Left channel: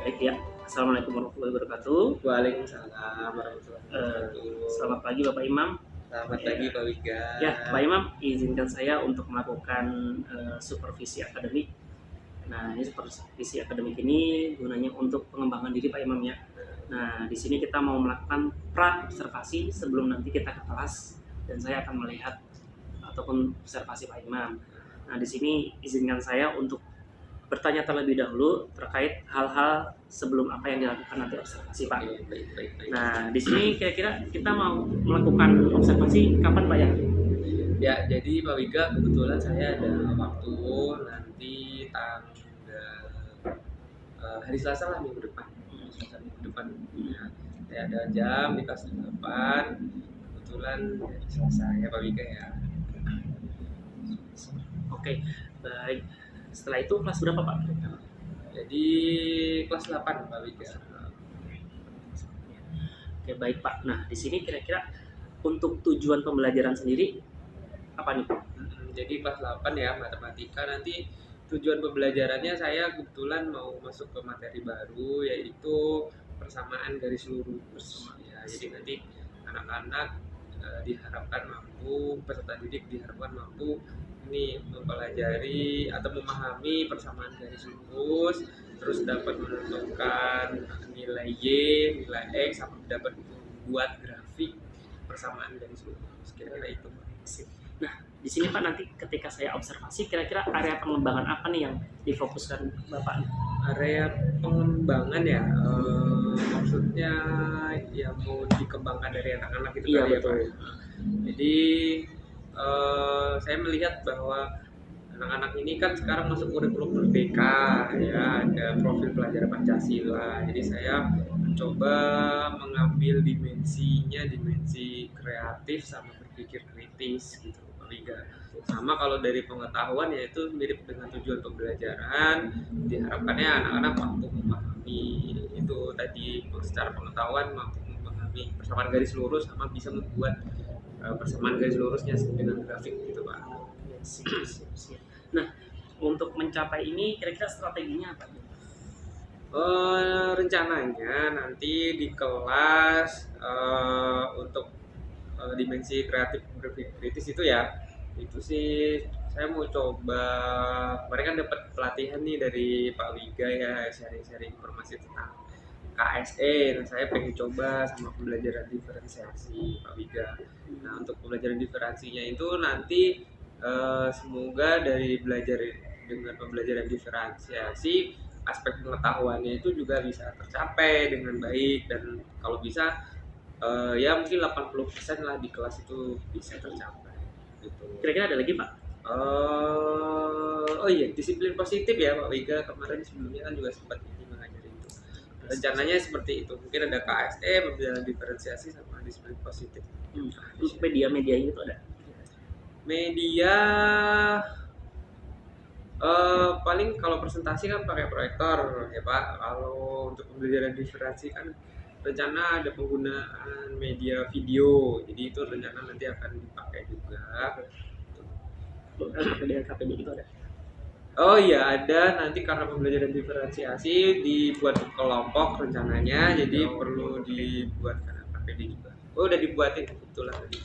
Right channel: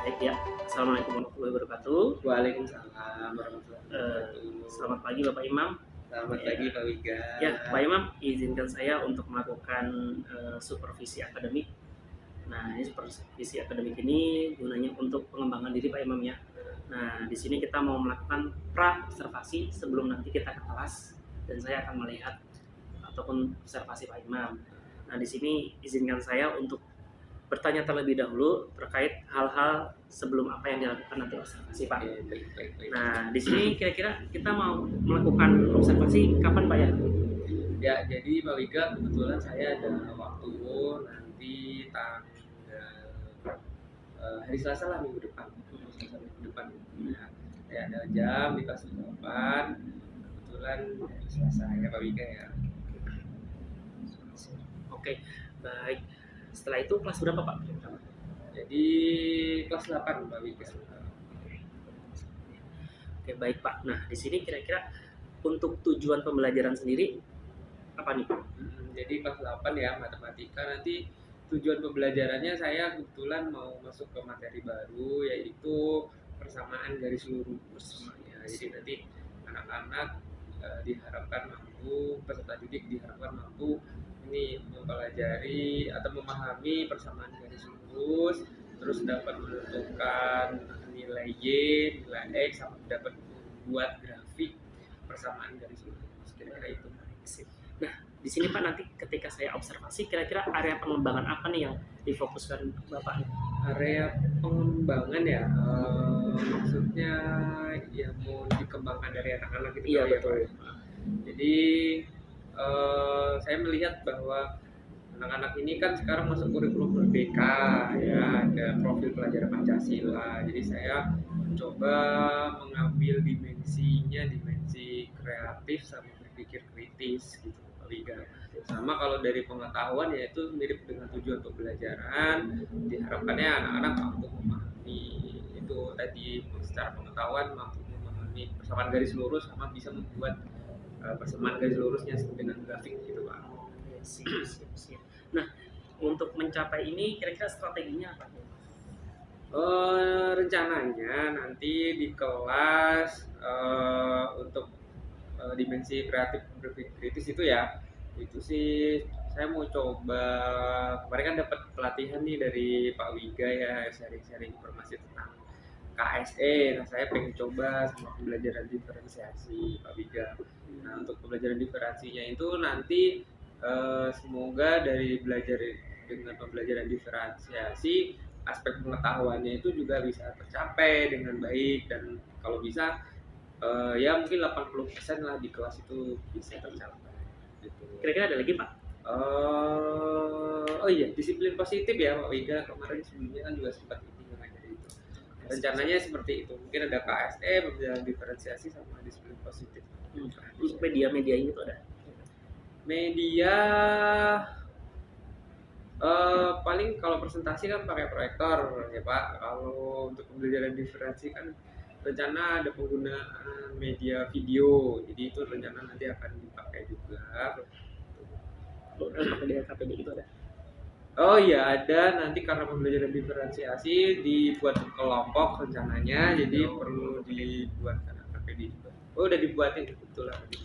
Baik ya, Assalamualaikum warahmatullahi wabarakatuh. Waalaikumsalam warahmatullahi wabarakatuh. Selamat pagi Bapak Imam. Selamat pagi Pak Wiga. Ya, Pak Imam, izinkan saya untuk melakukan supervisi akademik. Nah, ini supervisi akademik ini gunanya untuk pengembangan diri Pak Imam ya. Nah, di sini kita mau melakukan pra observasi sebelum nanti kita ke kelas dan saya akan melihat ataupun observasi Pak Imam. Nah, di sini izinkan saya untuk bertanya terlebih dahulu terkait hal-hal sebelum apa yang dilakukan nanti observasi Pak. Baik. Nah, di sini kira-kira kita mau melakukan observasi kapan Pak ya? Ya, jadi Pak Wiga kebetulan saya ada waktu nanti tanggal hari Selasa lah minggu depan. Ya, saya ada jam di kelas 8. Kebetulan hari Selasa ya Pak Wiga ya. Oke, baik. Setelah itu kelas berapa Pak? Jadi kelas 8 Pak Wiga. Oke, baik Pak. Nah, di sini kira-kira untuk tujuan pembelajaran sendiri apa nih Pak? Jadi kelas 8 ya matematika, nanti tujuan pembelajarannya saya kebetulan mau masuk ke materi baru yaitu persamaan garis lurus ya. Jadi nanti anak-anak diharapkan mampu, peserta didik diharapkan mampu ini mempelajari atau memahami persamaan garis lurus, terus dapat menentukan nilai Y, nilai X, sama dapat membuat grafik persamaan garis lurus. Kira-kira itu. Nah, di sini Pak nanti ketika saya observasi kira-kira area pengembangan apa nih yang difokuskan Bapak? Area pengembangan ya, maksudnya yang mau dikembangkan dari anak-anak itu. Iya, tadi betul. Ya, Pak? Jadi saya melihat bahwa anak-anak ini kan sekarang masuk kurikulum merdeka ya, ada profil pelajar Pancasila. Jadi saya mencoba mengambil dimensi kreatif sama berpikir kritis gitu Pak Wiga. Sama kalau dari pengetahuan yaitu mirip dengan tujuan pembelajaran, diharapkannya anak-anak mampu memahami itu tadi, secara pengetahuan mampu memahami persamaan garis lurus sama bisa membuat persamaan garis lurusnya dengan grafik gitu Pak. Siap. Nah, untuk mencapai ini kira-kira strateginya apa nih? Rencananya nanti di kelas untuk dimensi kreatif berpikir kritis itu ya, itu sih saya mau coba. Kemarin kan dapat pelatihan nih dari Pak Wiga ya, sharing-sharing informasi tentang KSE. Nah, saya pengen coba sama pembelajaran diferensiasi Pak Wiga. Nah, untuk pembelajaran diferensiasinya itu nanti semoga dari belajar dengan pembelajaran diferensiasi aspek pengetahuannya itu juga bisa tercapai dengan baik, dan kalau bisa ya mungkin 80% lah di kelas itu bisa tercapai gitu. Kira-kira ada lagi Pak? Oh iya, disiplin positif ya Pak Wiga, kemarin sebelumnya kan juga sempat mengajari itu. Rencananya seperti itu, mungkin ada KSE, pembelajaran diferensiasi sama disiplin positif. Untuk media itu ada? Media paling kalau presentasi kan pakai proyektor ya Pak. Kalau untuk pembelajaran diferensi kan rencana ada penggunaan media video, jadi itu rencana nanti akan dipakai juga. Media KPD itu ada? Oh iya ada, nanti karena pembelajaran diferensiasi dibuat kelompok rencananya, jadi perlu dibuatkan KPD juga. Oh udah dibuatin kebetulan tadi.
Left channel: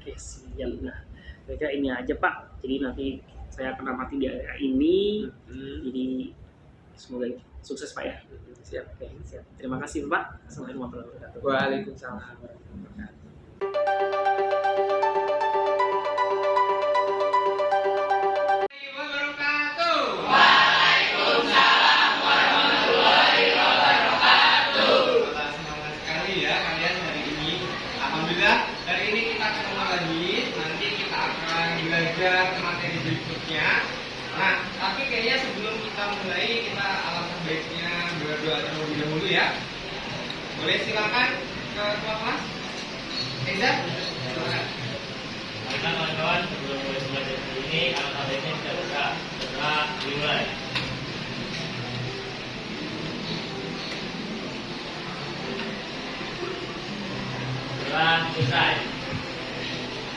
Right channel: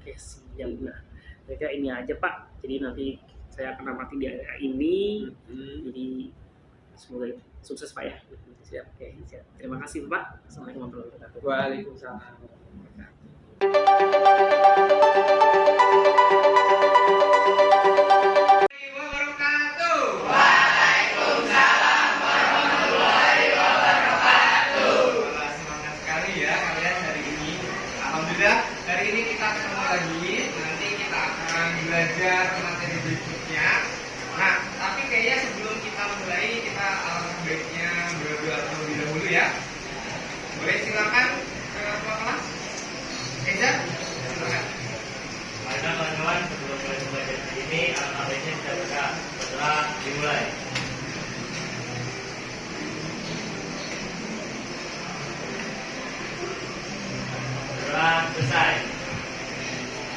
Oke, siap. Nah, kira-kira ini aja Pak. Jadi nanti saya akan amati di area ini. Jadi semoga sukses Pak ya. Siap. Oke, siap. Terima kasih Pak. Assalamualaikum warahmatullahi wabarakatuh. Waalaikumsalam warahmatullahi wabarakatuh. Hari ini kita ketemu lagi, nanti kita akan belajar materi berikutnya. Nah, tapi kayaknya sebelum kita mulai, kita alangkah baiknya berdoa terlebih dahulu ya. Boleh silakan ke ketua kelas. Eza, silakan. Mari kawan-kawan, sebelum mulai belajar hari ini, alangkah baiknya kita berdoa dimulai. Selesai.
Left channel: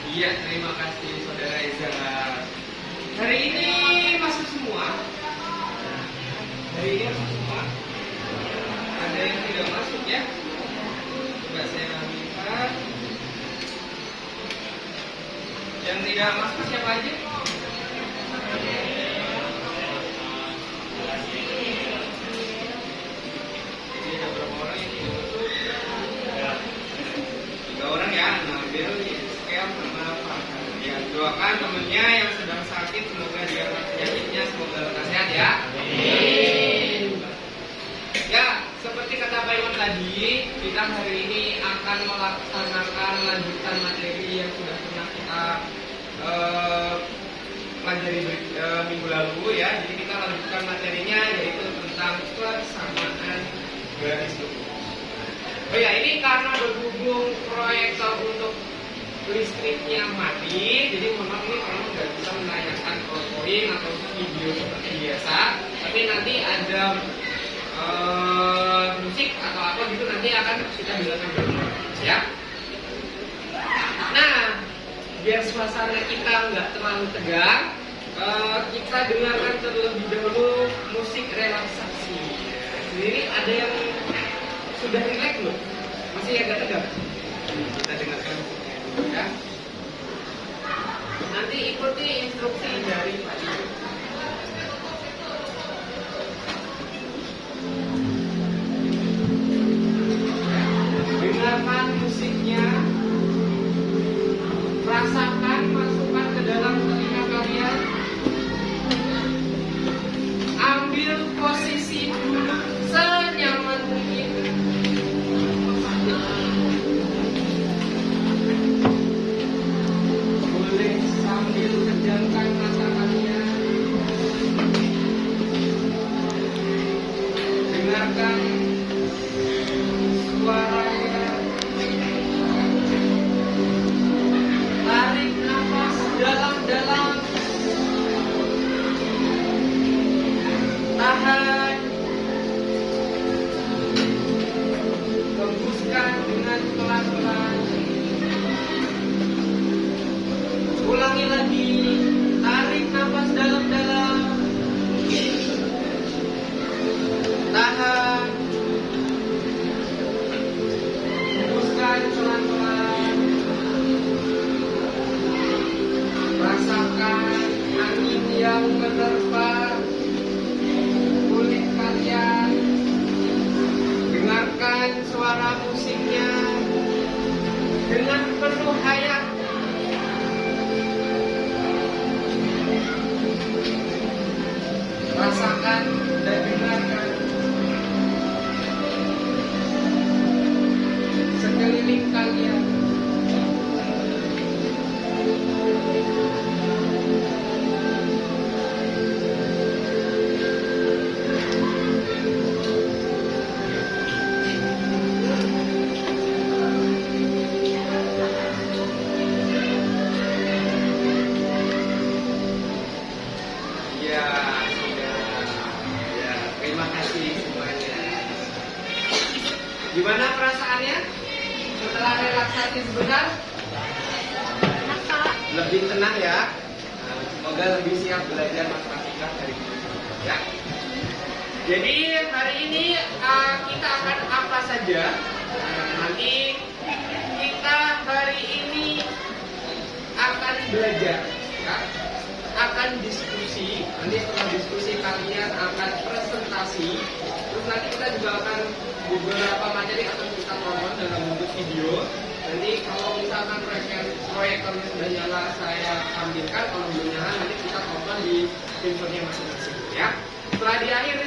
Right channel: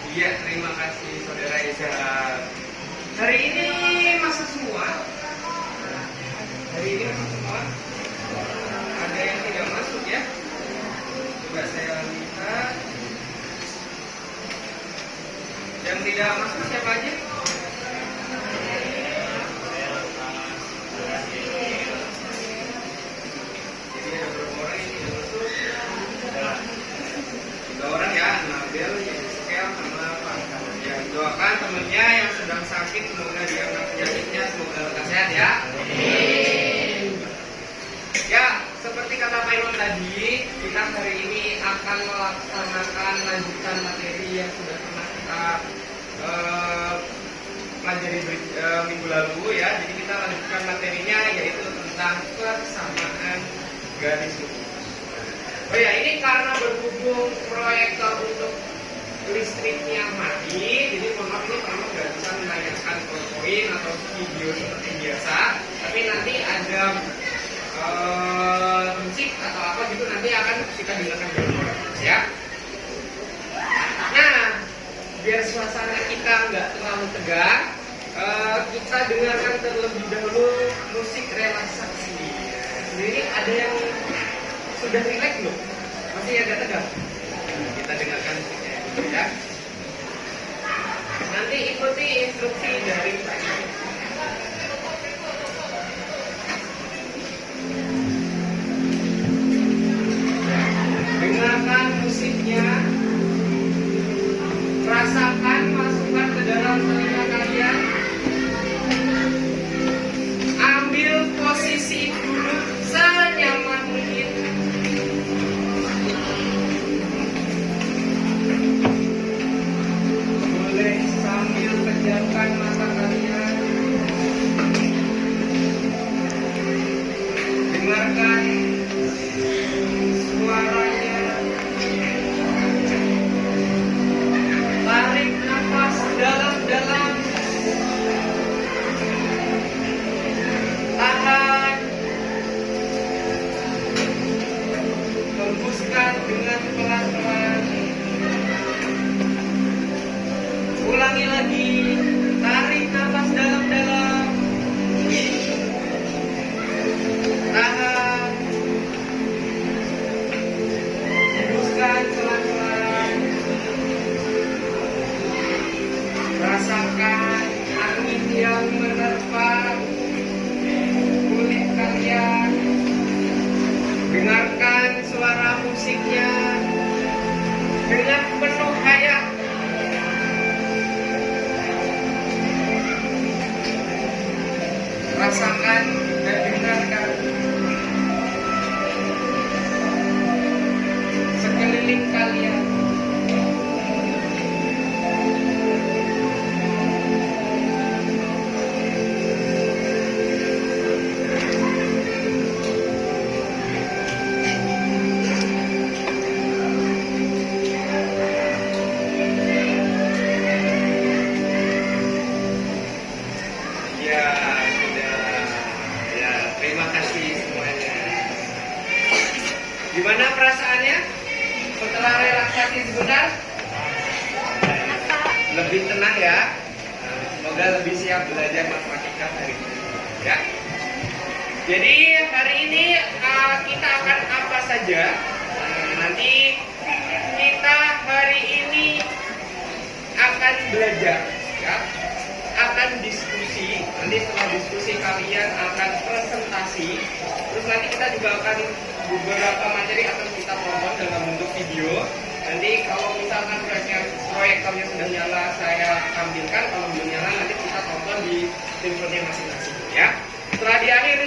Iya, terima kasih Saudara Eza. Hari ini masuk semua. Hari ini masuk semua. ada yang tidak masuk ya. Coba saya lihat. Yang tidak masuk siapa aja? Jadi ada berapa orang yang tidak masuk? 3 orang ya, Nabil, Yeskel, sama apa? Ya, doakan temennya yang sedang sakit, semoga dia nggak penyakitnya, semoga sehat ya. Ya, seperti kata Pak Iwan tadi, kita hari ini akan melaksanakan lanjutan materi yang sudah pernah kita pelajari minggu lalu ya. Jadi kita lanjutkan materinya yaitu tentang persamaan garis lurus. Oh ya, ini karena berhubung proyektor untuk listriknya mati, jadi mohon maaf ini kalau nggak bisa menayangkan PowerPoint atau video seperti biasa, tapi nanti ada musik atau apa gitu nanti akan kita dengarkan dulu ya. Nah, biar suasana kita nggak terlalu tegang, kita dengarkan terlebih dahulu musik relaksasi. Jadi ada yang sudah rileks belum? Masih agak tegang? Kita dengarkan musiknya dulu ya. Nanti ikuti instruksi dari Pak Ibu. Dengarkan musiknya, rasakan, masukkan ke dalam telinga kalian. Ambil posisi duduk senyaman mungkin. Boleh sambil pejamkan mata kalian. Dengarkan suaranya. Tarik nafas dalam-dalam. Tahan. Hembuskan dengan pelan-pelan. Ulangi lagi. Tarik nafas dalam-dalam. Tahan. Hembuskan pelan-pelan. Rasakan angin yang menerpa kulit kalian. Dengarkan suara musiknya dengan penuh hayat. Rasakan dan dengarkan sekeliling kalian. Ya, sudah. Ya, terima kasih semuanya. Gimana perasaannya setelah relaksasi sebentar? Lebih tenang ya. Semoga lebih siap belajar matematika hari ini. Ya. Jadi hari ini kita akan apa saja? Nanti kita hari ini akan belajar, ya. Akan diskusi. Nanti setelah diskusi kalian akan presentasi. Terus nanti kita juga akan beberapa materi akan kita tonton dalam bentuk video. Nanti kalau misalkan proyektornya sudah nyala saya tampilkan, kalau belum nyala nanti kita tonton di handphonenya masing-masing ya. Setelah di akhir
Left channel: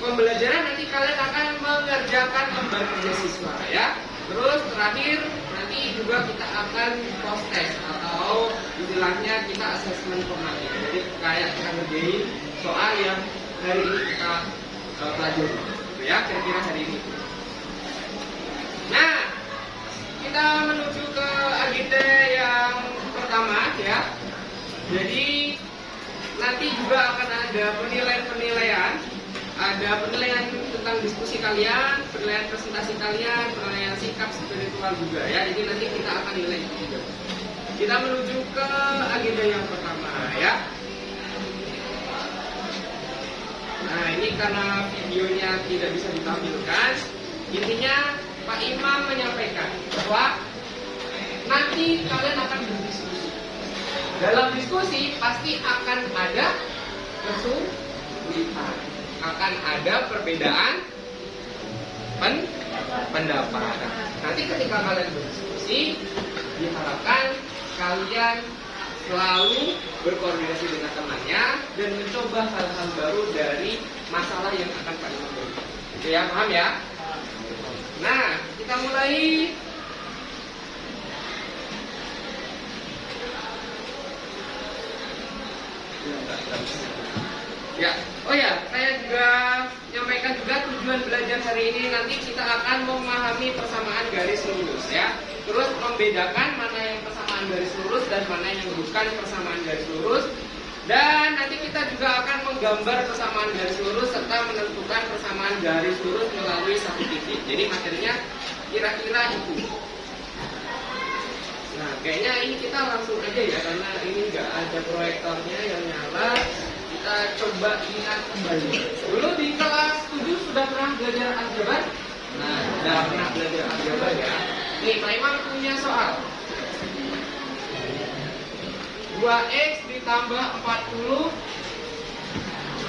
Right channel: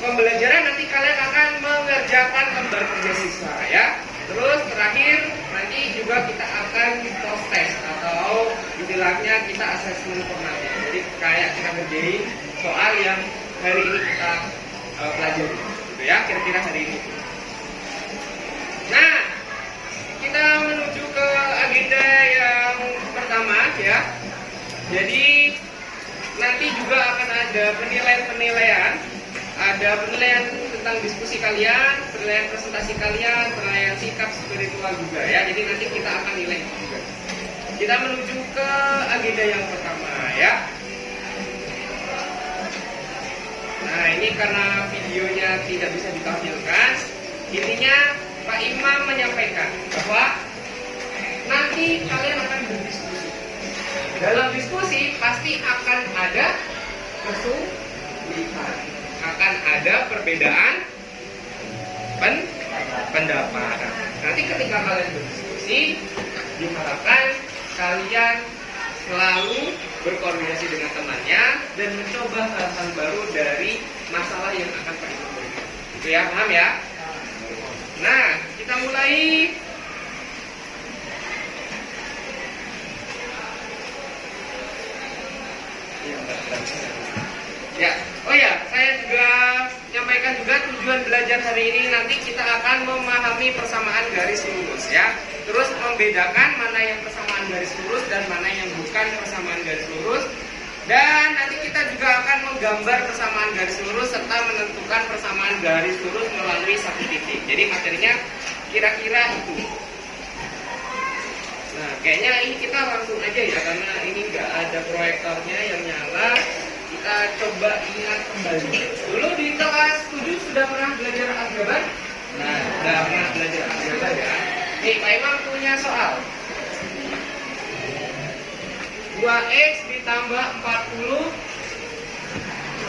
pembelajaran nanti kalian akan mengerjakan kembali kerja siswa ya. Terus terakhir nanti juga kita akan post test atau istilahnya kita asesmen formatif. Jadi kayak kita ngerjain soal yang hari ini kita pelajari gitu ya, kira-kira hari ini. Nah, kita menuju ke agenda yang pertama ya. Jadi nanti juga akan ada penilaian-penilaian. Ada penilaian tentang diskusi kalian, penilaian presentasi kalian, penilaian sikap spiritual juga ya. Jadi nanti kita akan nilai itu juga. Kita menuju ke agenda yang pertama ya. Nah, ini karena videonya tidak bisa ditampilkan, intinya Pak Imam menyampaikan bahwa nanti kalian akan berdiskusi. Dalam diskusi pasti akan ada kesulitan, akan ada perbedaan pendapat. Nanti ketika kalian berdiskusi, diharapkan kalian selalu berkoordinasi dengan temannya dan mencoba hal-hal baru dari masalah yang akan Pak Imam berikan. Itu ya, paham ya? Nah, kita mulai. Ya, oh ya, saya juga menyampaikan juga tujuan belajar hari ini nanti kita akan memahami persamaan garis lurus ya. Terus membedakan mana yang persamaan garis lurus dan mana yang bukan persamaan garis lurus. Dan nanti kita juga akan menggambar persamaan garis lurus serta menentukan persamaan garis lurus melalui satu titik. Jadi materinya kira-kira itu. Nah, kayaknya ini kita langsung aja ya karena ini nggak ada proyektornya yang nyala. Kita coba ingat kembali. Dulu di kelas 7 sudah pernah belajar aljabar? Nah, sudah pernah belajar aljabar ya. Nih, Pak Imam punya soal. 2x ditambah 40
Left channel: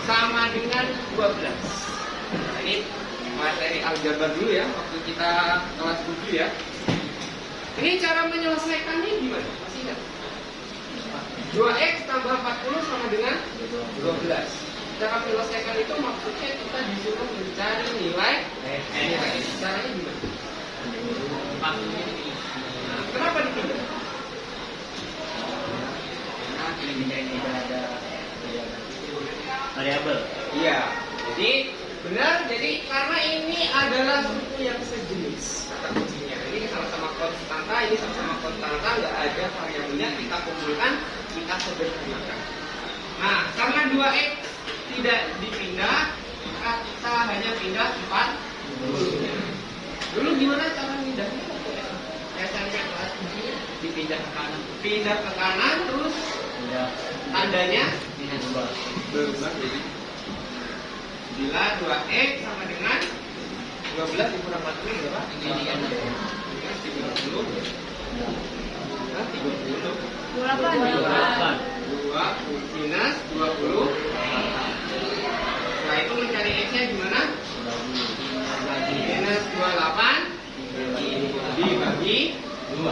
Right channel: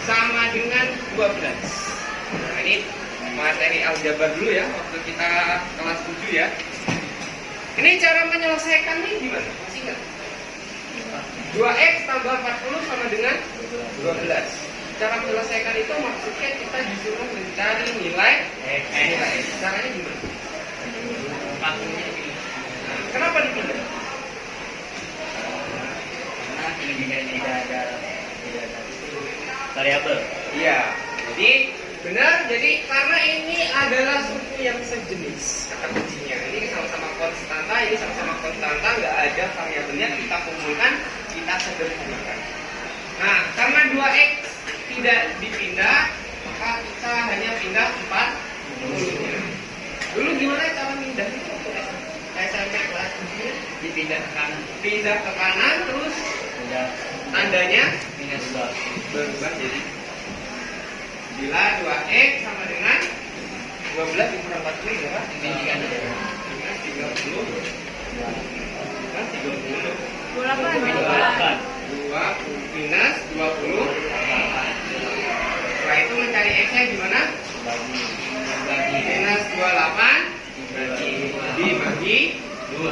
sama dengan 12. Nah, ini materi aljabar dulu ya, waktu kita kelas 7 ya. Ini cara menyelesaikannya gimana? Masih ingat? 2x tambah 40 sama dengan 12. Cara menyelesaikan itu maksudnya kita disuruh mencari nilai x. Caranya gimana? 40-nya dipilih. Nah, kenapa dipilih? Karena tidak ada variabel. Iya. Jadi benar. Jadi karena ini adalah suku yang sejenis kata kuncinya. Ini sama-sama konstanta, ini sama-sama konstanta, nggak ada variabelnya. Kita kumpulkan, kita sederhanakan. Nah, karena 2x tidak dipindah, maka kita hanya pindah 40-nya. Dulu gimana cara pindah itu? SMP kelas 7 dipindah ke kanan. Pindah ke kanan terus tandanya minus 2 berubah jadi bila 2x sama dengan 12 dikurang 40 berapa? Minus 30 minus 30 28. 2 minus 20. Setelah itu mencari x-nya gimana? Minus 28 dibagi 2.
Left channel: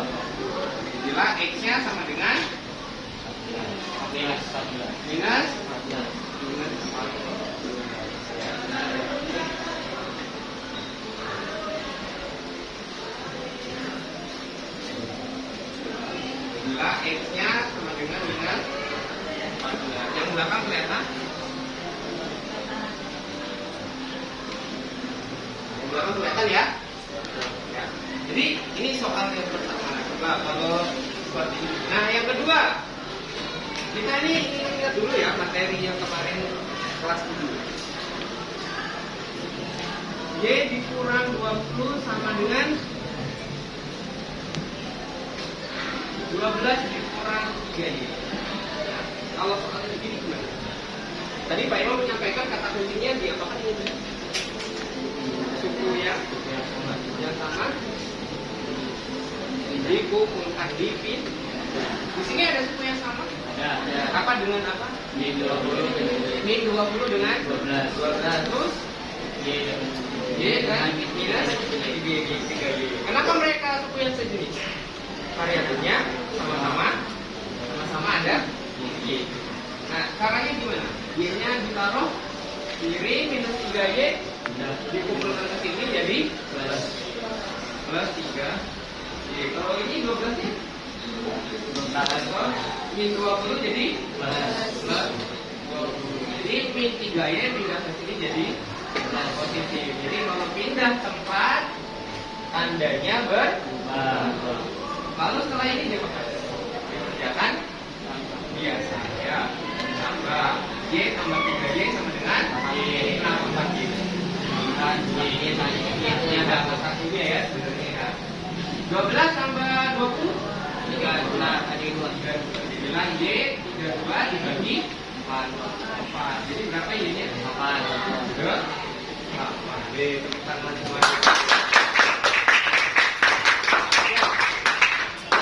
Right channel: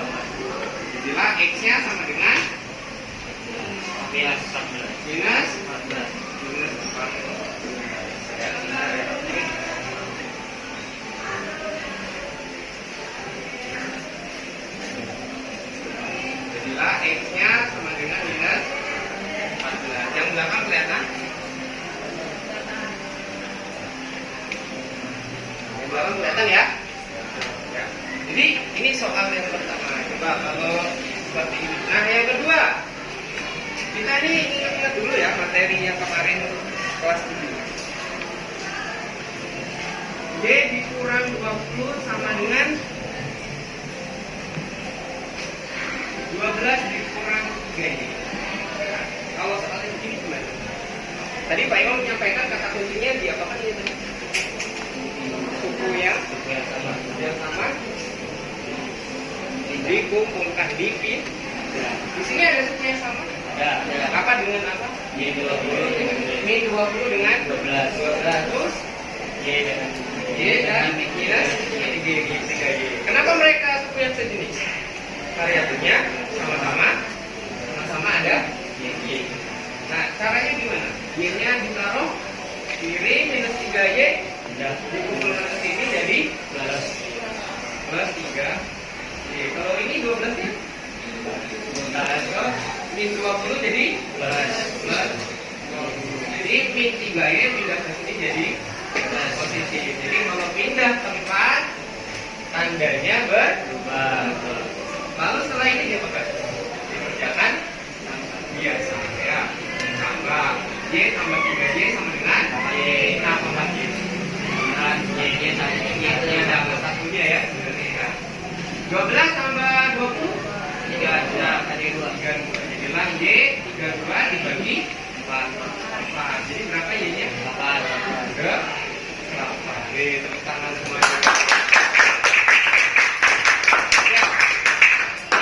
Jadilah x-nya sama dengan minus 14. Minus 14. Jadilah x-nya sama dengan minus 14. Yang belakang kelihatan? Yang belakang kelihatan ya? Ya. Jadi ini soal yang pertama. Coba kalau seperti ini. Nah, yang kedua, kita ini ingat-ingat dulu ya materi yang kemarin kelas 7. Y dikurang 20 sama dengan 12 dikurang 3Y. Nah, kalau soalnya begini gimana? Tadi Pak Imam menyampaikan kata kuncinya di apa kan ini tadi? Suku yang sama dikumpulkan dipin. Di sini ada suku yang sama? Ada. Apa dengan apa? Y 20 dengan Y 20 dengan 12. Terus Y dan minus 3Y. Kenapa mereka suku yang sejenis? Variabelnya sama-sama ada Y. Nah, caranya gimana? Y-nya ditaruh kiri minus 3Y dikumpulkan ke sini jadi plus 3. Kalau ini 12 nya min 20 jadi plus 20. Jadi min 3Y pindah ke sini jadi positif. Jadi kalau pindah tempat tandanya berubah. Lalu setelah ini dia pakai dikerjakan biasa ya. Tambah Y tambah 3Y sama dengan Y tambah Y. Kan Y-nya sama Y-nya tambah satunya ya. 12 tambah 20 3 ada 2. Jadilah Y 32 dibagi 4. 8. Jadi berapa Y-nya? 8. Ke 8. Oke, tepuk tangan semuanya.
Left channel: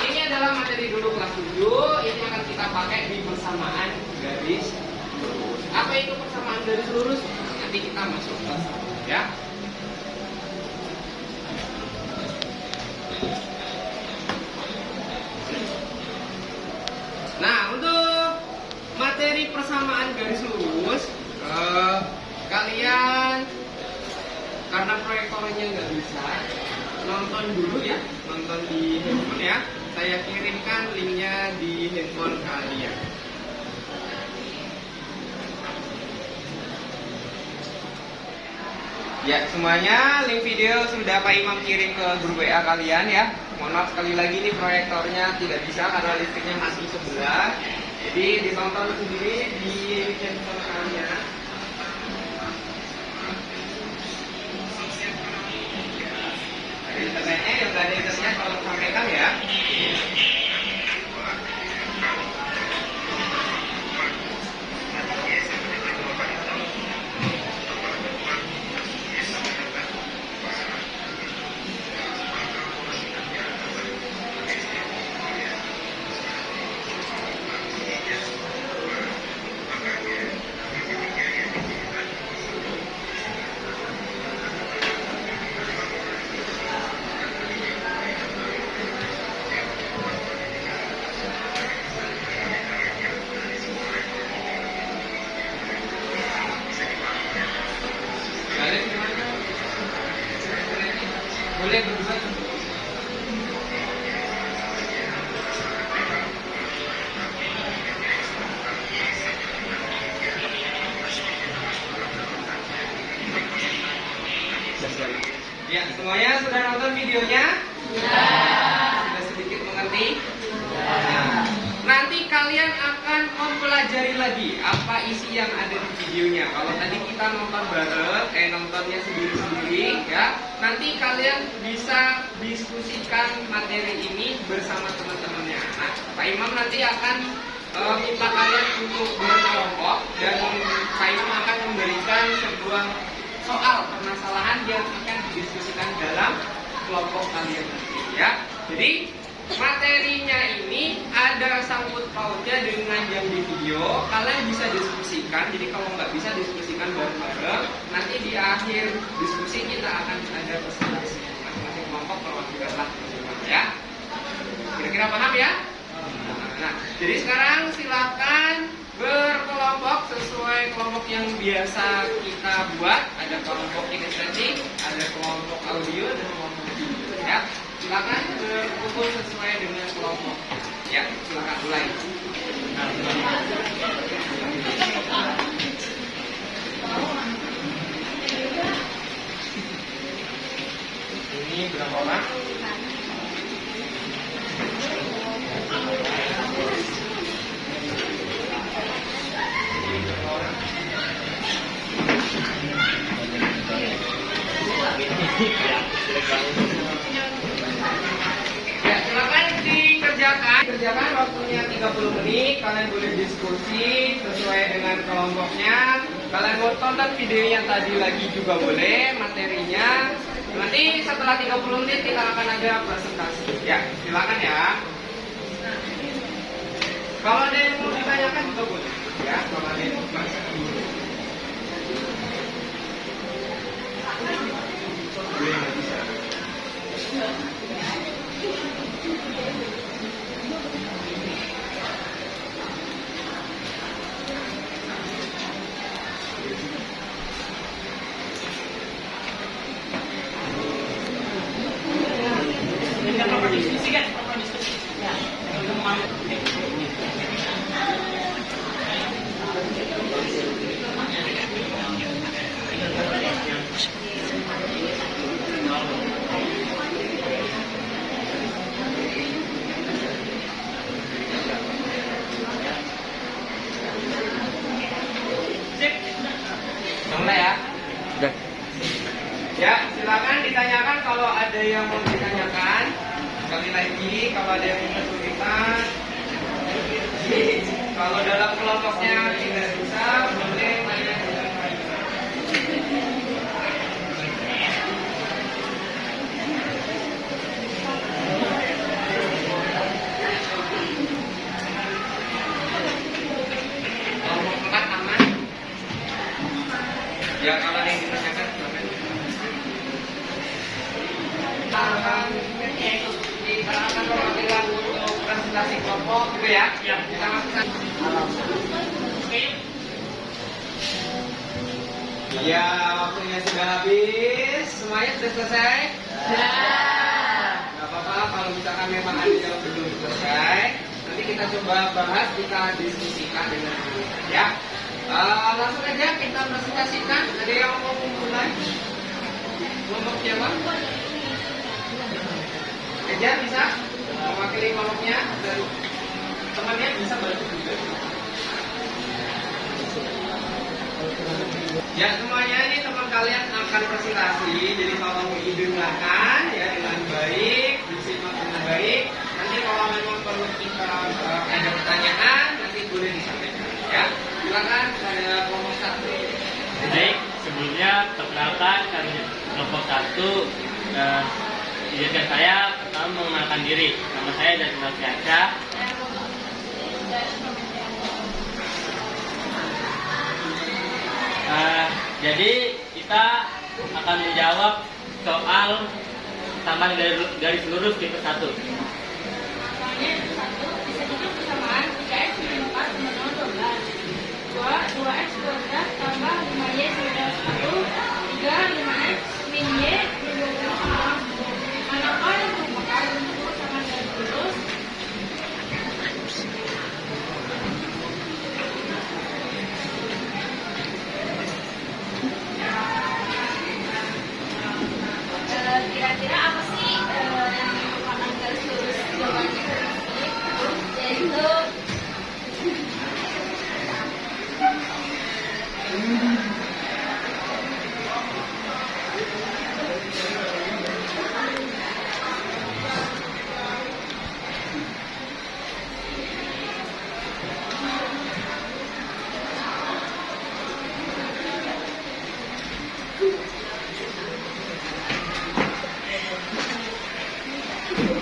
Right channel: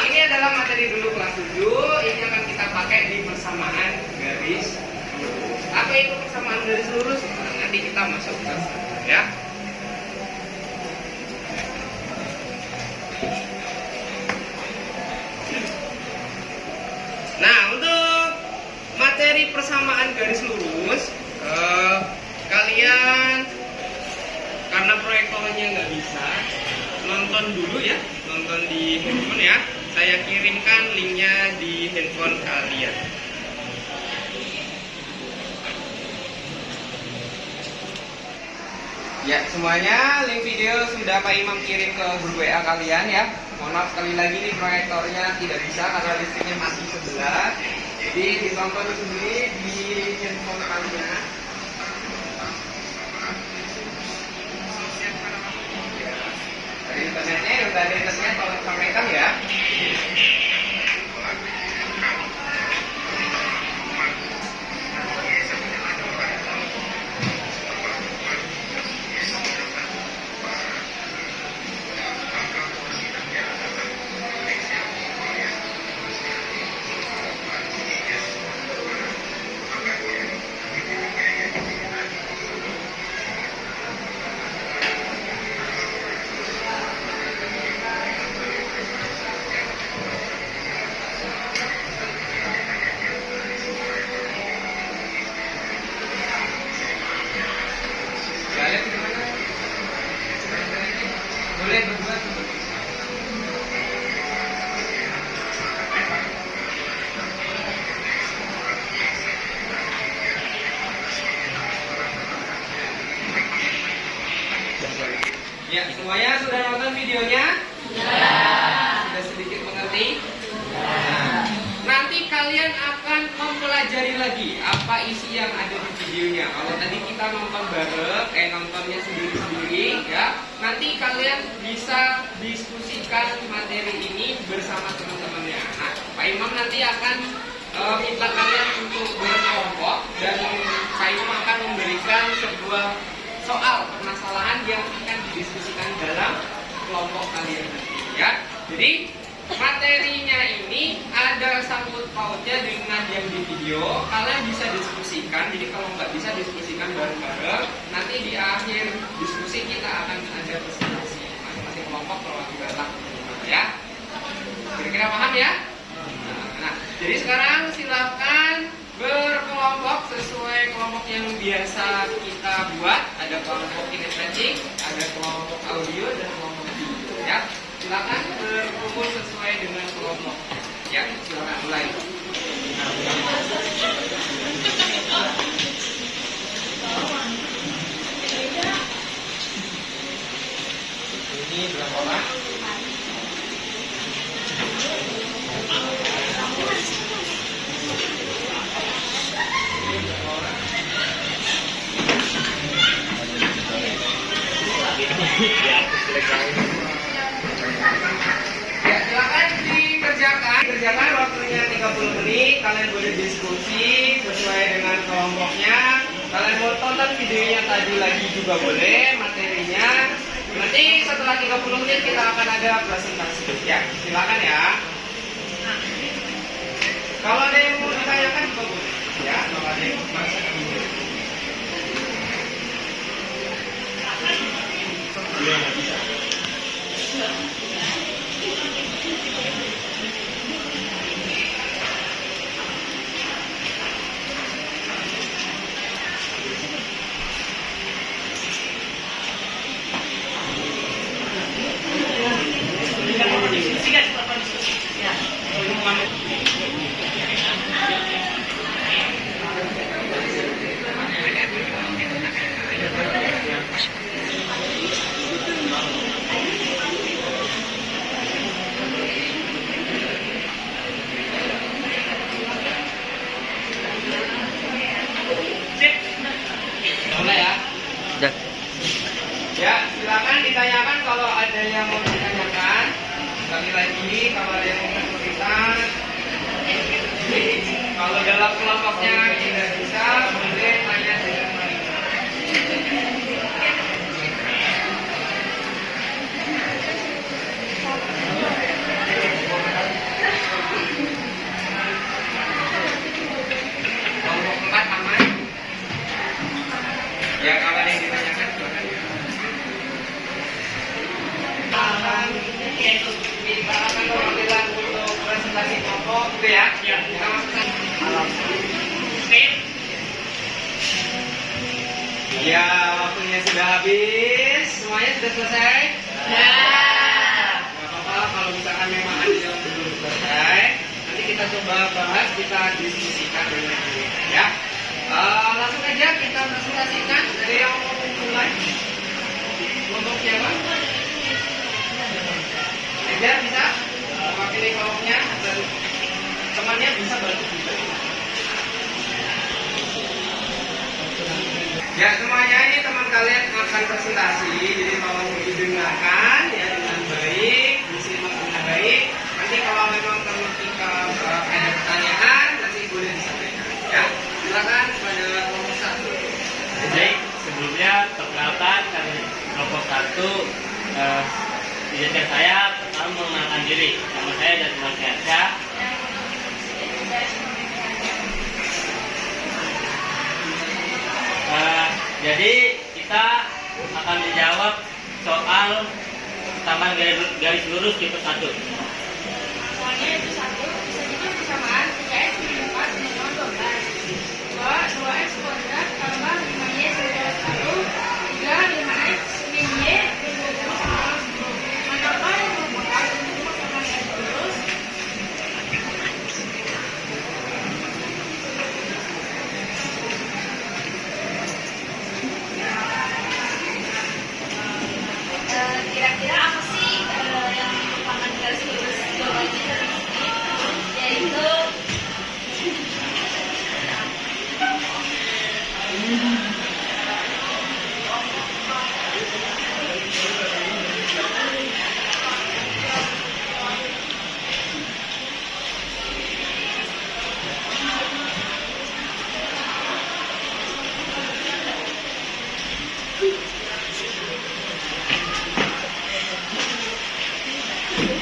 Ini adalah materi dulu kelas 7. Ini akan kita pakai di persamaan garis lurus. Apa itu persamaan garis lurus? Nah, nanti kita masuk ke sana ya. Nah, untuk materi persamaan garis lurus, kalian karena proyektornya nggak bisa, nonton dulu ya, nonton di handphone ya. Saya kirimkan linknya di handphone kalian. Ya, semuanya link video sudah Pak Imam kirim ke grup WA kalian ya. Mohon maaf sekali lagi nih proyektornya tidak bisa karena listriknya mati sebelah. Jadi ditonton sendiri di handphone kalian. Dari internetnya yang nggak ada internet tolong sampaikan ya. Kalian gimana? Boleh berdua. Ya, semuanya sudah nonton videonya? Ya. Sudah sedikit mengerti? Ya. Nanti kalian akan mempelajari lagi apa isi yang ada di videonya. Kalau tadi kita nonton bareng, nontonnya sendiri-sendiri ya. Nanti kalian bisa diskusikan materi ini bersama teman-temannya. Nah, Pak Imam nanti akan minta kalian untuk berkelompok dan Pak Imam akan memberikan sebuah soal permasalahan yang akan didiskusikan dalam kelompok kalian nanti ya. Jadi materinya ini ada sangkut pautnya dengan yang di video. Kalian bisa diskusikan. Jadi kalau nggak bisa diskusikan bareng-bareng, nanti di akhir diskusi kita akan ada presentasi masing-masing kelompok perwakilan ya. Kira-kira paham ya? Nah, jadi sekarang silakan berkelompok sesuai kelompok yang biasa kita buat. Ada kelompok stretching, ada kelompok audio, dan kelompok video ya. Silakan berkumpul sesuai dengan kelompok. Ya, silakan mulai. Ini berapa orang? Ya, silakan dikerjakan waktunya 30 menit. Kalian boleh diskusi sesuai dengan kelompoknya. Kalian mau tonton videonya tadi lagi juga boleh, materinya. Nanti setelah 30 menit kita akan ada presentasi. Ya, silakan ya. Kalau ada yang mau ditanyakan juga boleh. Ya, kalau ada yang mau ditanyakan boleh. Mulai ya. Ya, silakan ditanyakan kalau ada yang mau ditanyakan. Sekali lagi, kalau ada yang minta tulisan, kalau dalam kelompoknya tidak bisa, boleh Ya, kalau ada yang ditanyakan silakan. Ini untuk diperkenalkan perwakilan untuk presentasi kelompok gitu ya. Ya. Kita masukkan. Ya, waktunya sudah habis. Semuanya sudah selesai? Ya. Gak apa-apa kalau misalkan memang ada yang belum selesai. Nanti kita coba bahas, kita diskusikan dengan ya. Langsung aja kita presentasikan. Ada yang mau mulai? Kelompoknya bang? Ejar bisa mewakili kelompoknya dan temannya bisa bantu juga. Ya semuanya ini teman kalian akan presentasi, jadi tolong didengarkan ya dengan baik, disimak dengan baik. Nanti kalau memang perlu kita ada pertanyaan nanti boleh disampaikan ya. Silakan pada kelompok 1. Baik, sebelumnya perkenalkan kami kelompok 1. Izinkan saya pertama mengenalkan diri. Nama saya dari Fiansyah. Jadi kita akan menjawab soal tambahan garis lurus tipe 1. Soalnya itu 1 bisa juga persamaan 3x min 4 sama 12. 2x kuadrat tambah 5y sama 1. 3 5x min y min 20 sama 10. Manakah yang merupakan untuk persamaan garis lurus? Kira-kira apa sih yang merupakan garis lurus? Jawabannya dari sini yaitu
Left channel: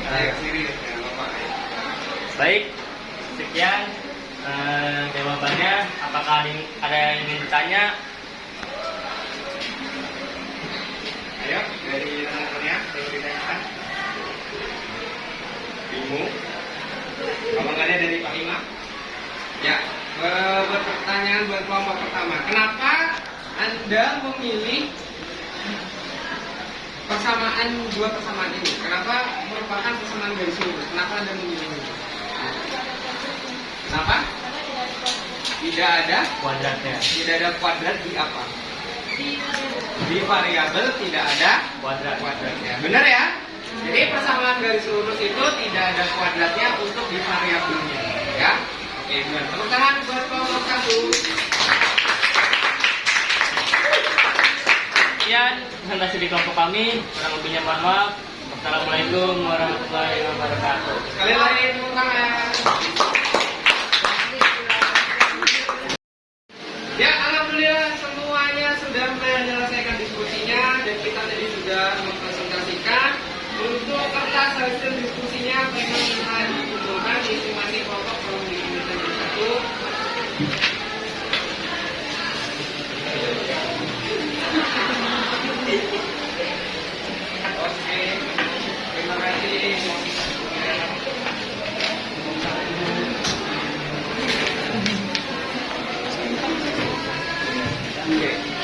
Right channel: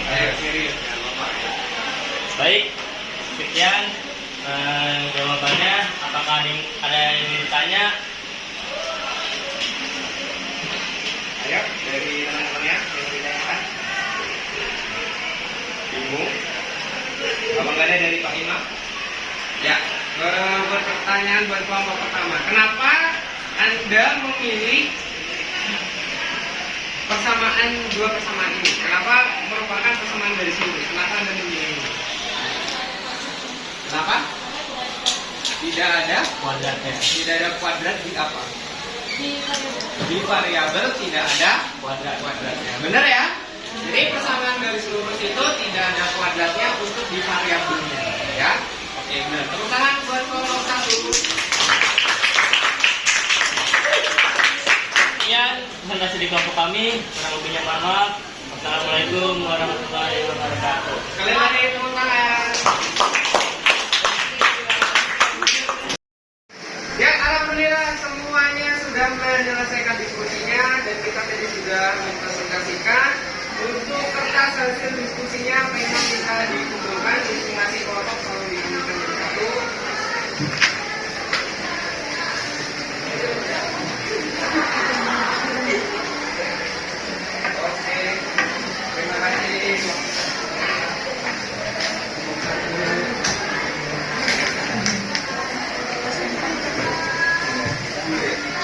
Ayo serius ya bapak. Baik, sekian jawabannya. Apakah ada yang ingin ditanya? Ayo dari teman-temannya yang ditanyakan. Bingung? Apa nggak ada dari Pak Imam? Ya, berpertanyaan buat kelompok pertama. Kenapa Anda memilih persamaan dua persamaan ini? Kenapa merupakan persamaan garis lurus? Kenapa Anda memilih ini? Kenapa? Tidak ada Kuadratnya. tidak ada kuadrat di apa? Di variabel tidak ada kuadratnya. Benar ya? Jadi persamaan garis lurus itu tidak ada kuadratnya untuk di variabelnya, ya? Oke, benar. Tepuk tangan buat kelompok 1. Sekian presentasi di kelompok kami. Kurang lebihnya mohon maaf. Wassalamualaikum warahmatullahi wabarakatuh. Sekali lagi tepuk tangan. Ya, alhamdulillah semuanya sudah menyelesaikan diskusinya dan kita tadi sudah mempresentasikan untuk kertas hasil diskusinya. Memang kita dikumpulkan di masing-masing kelompok kalau dikumpulkan jadi satu. Oke, terima kasih.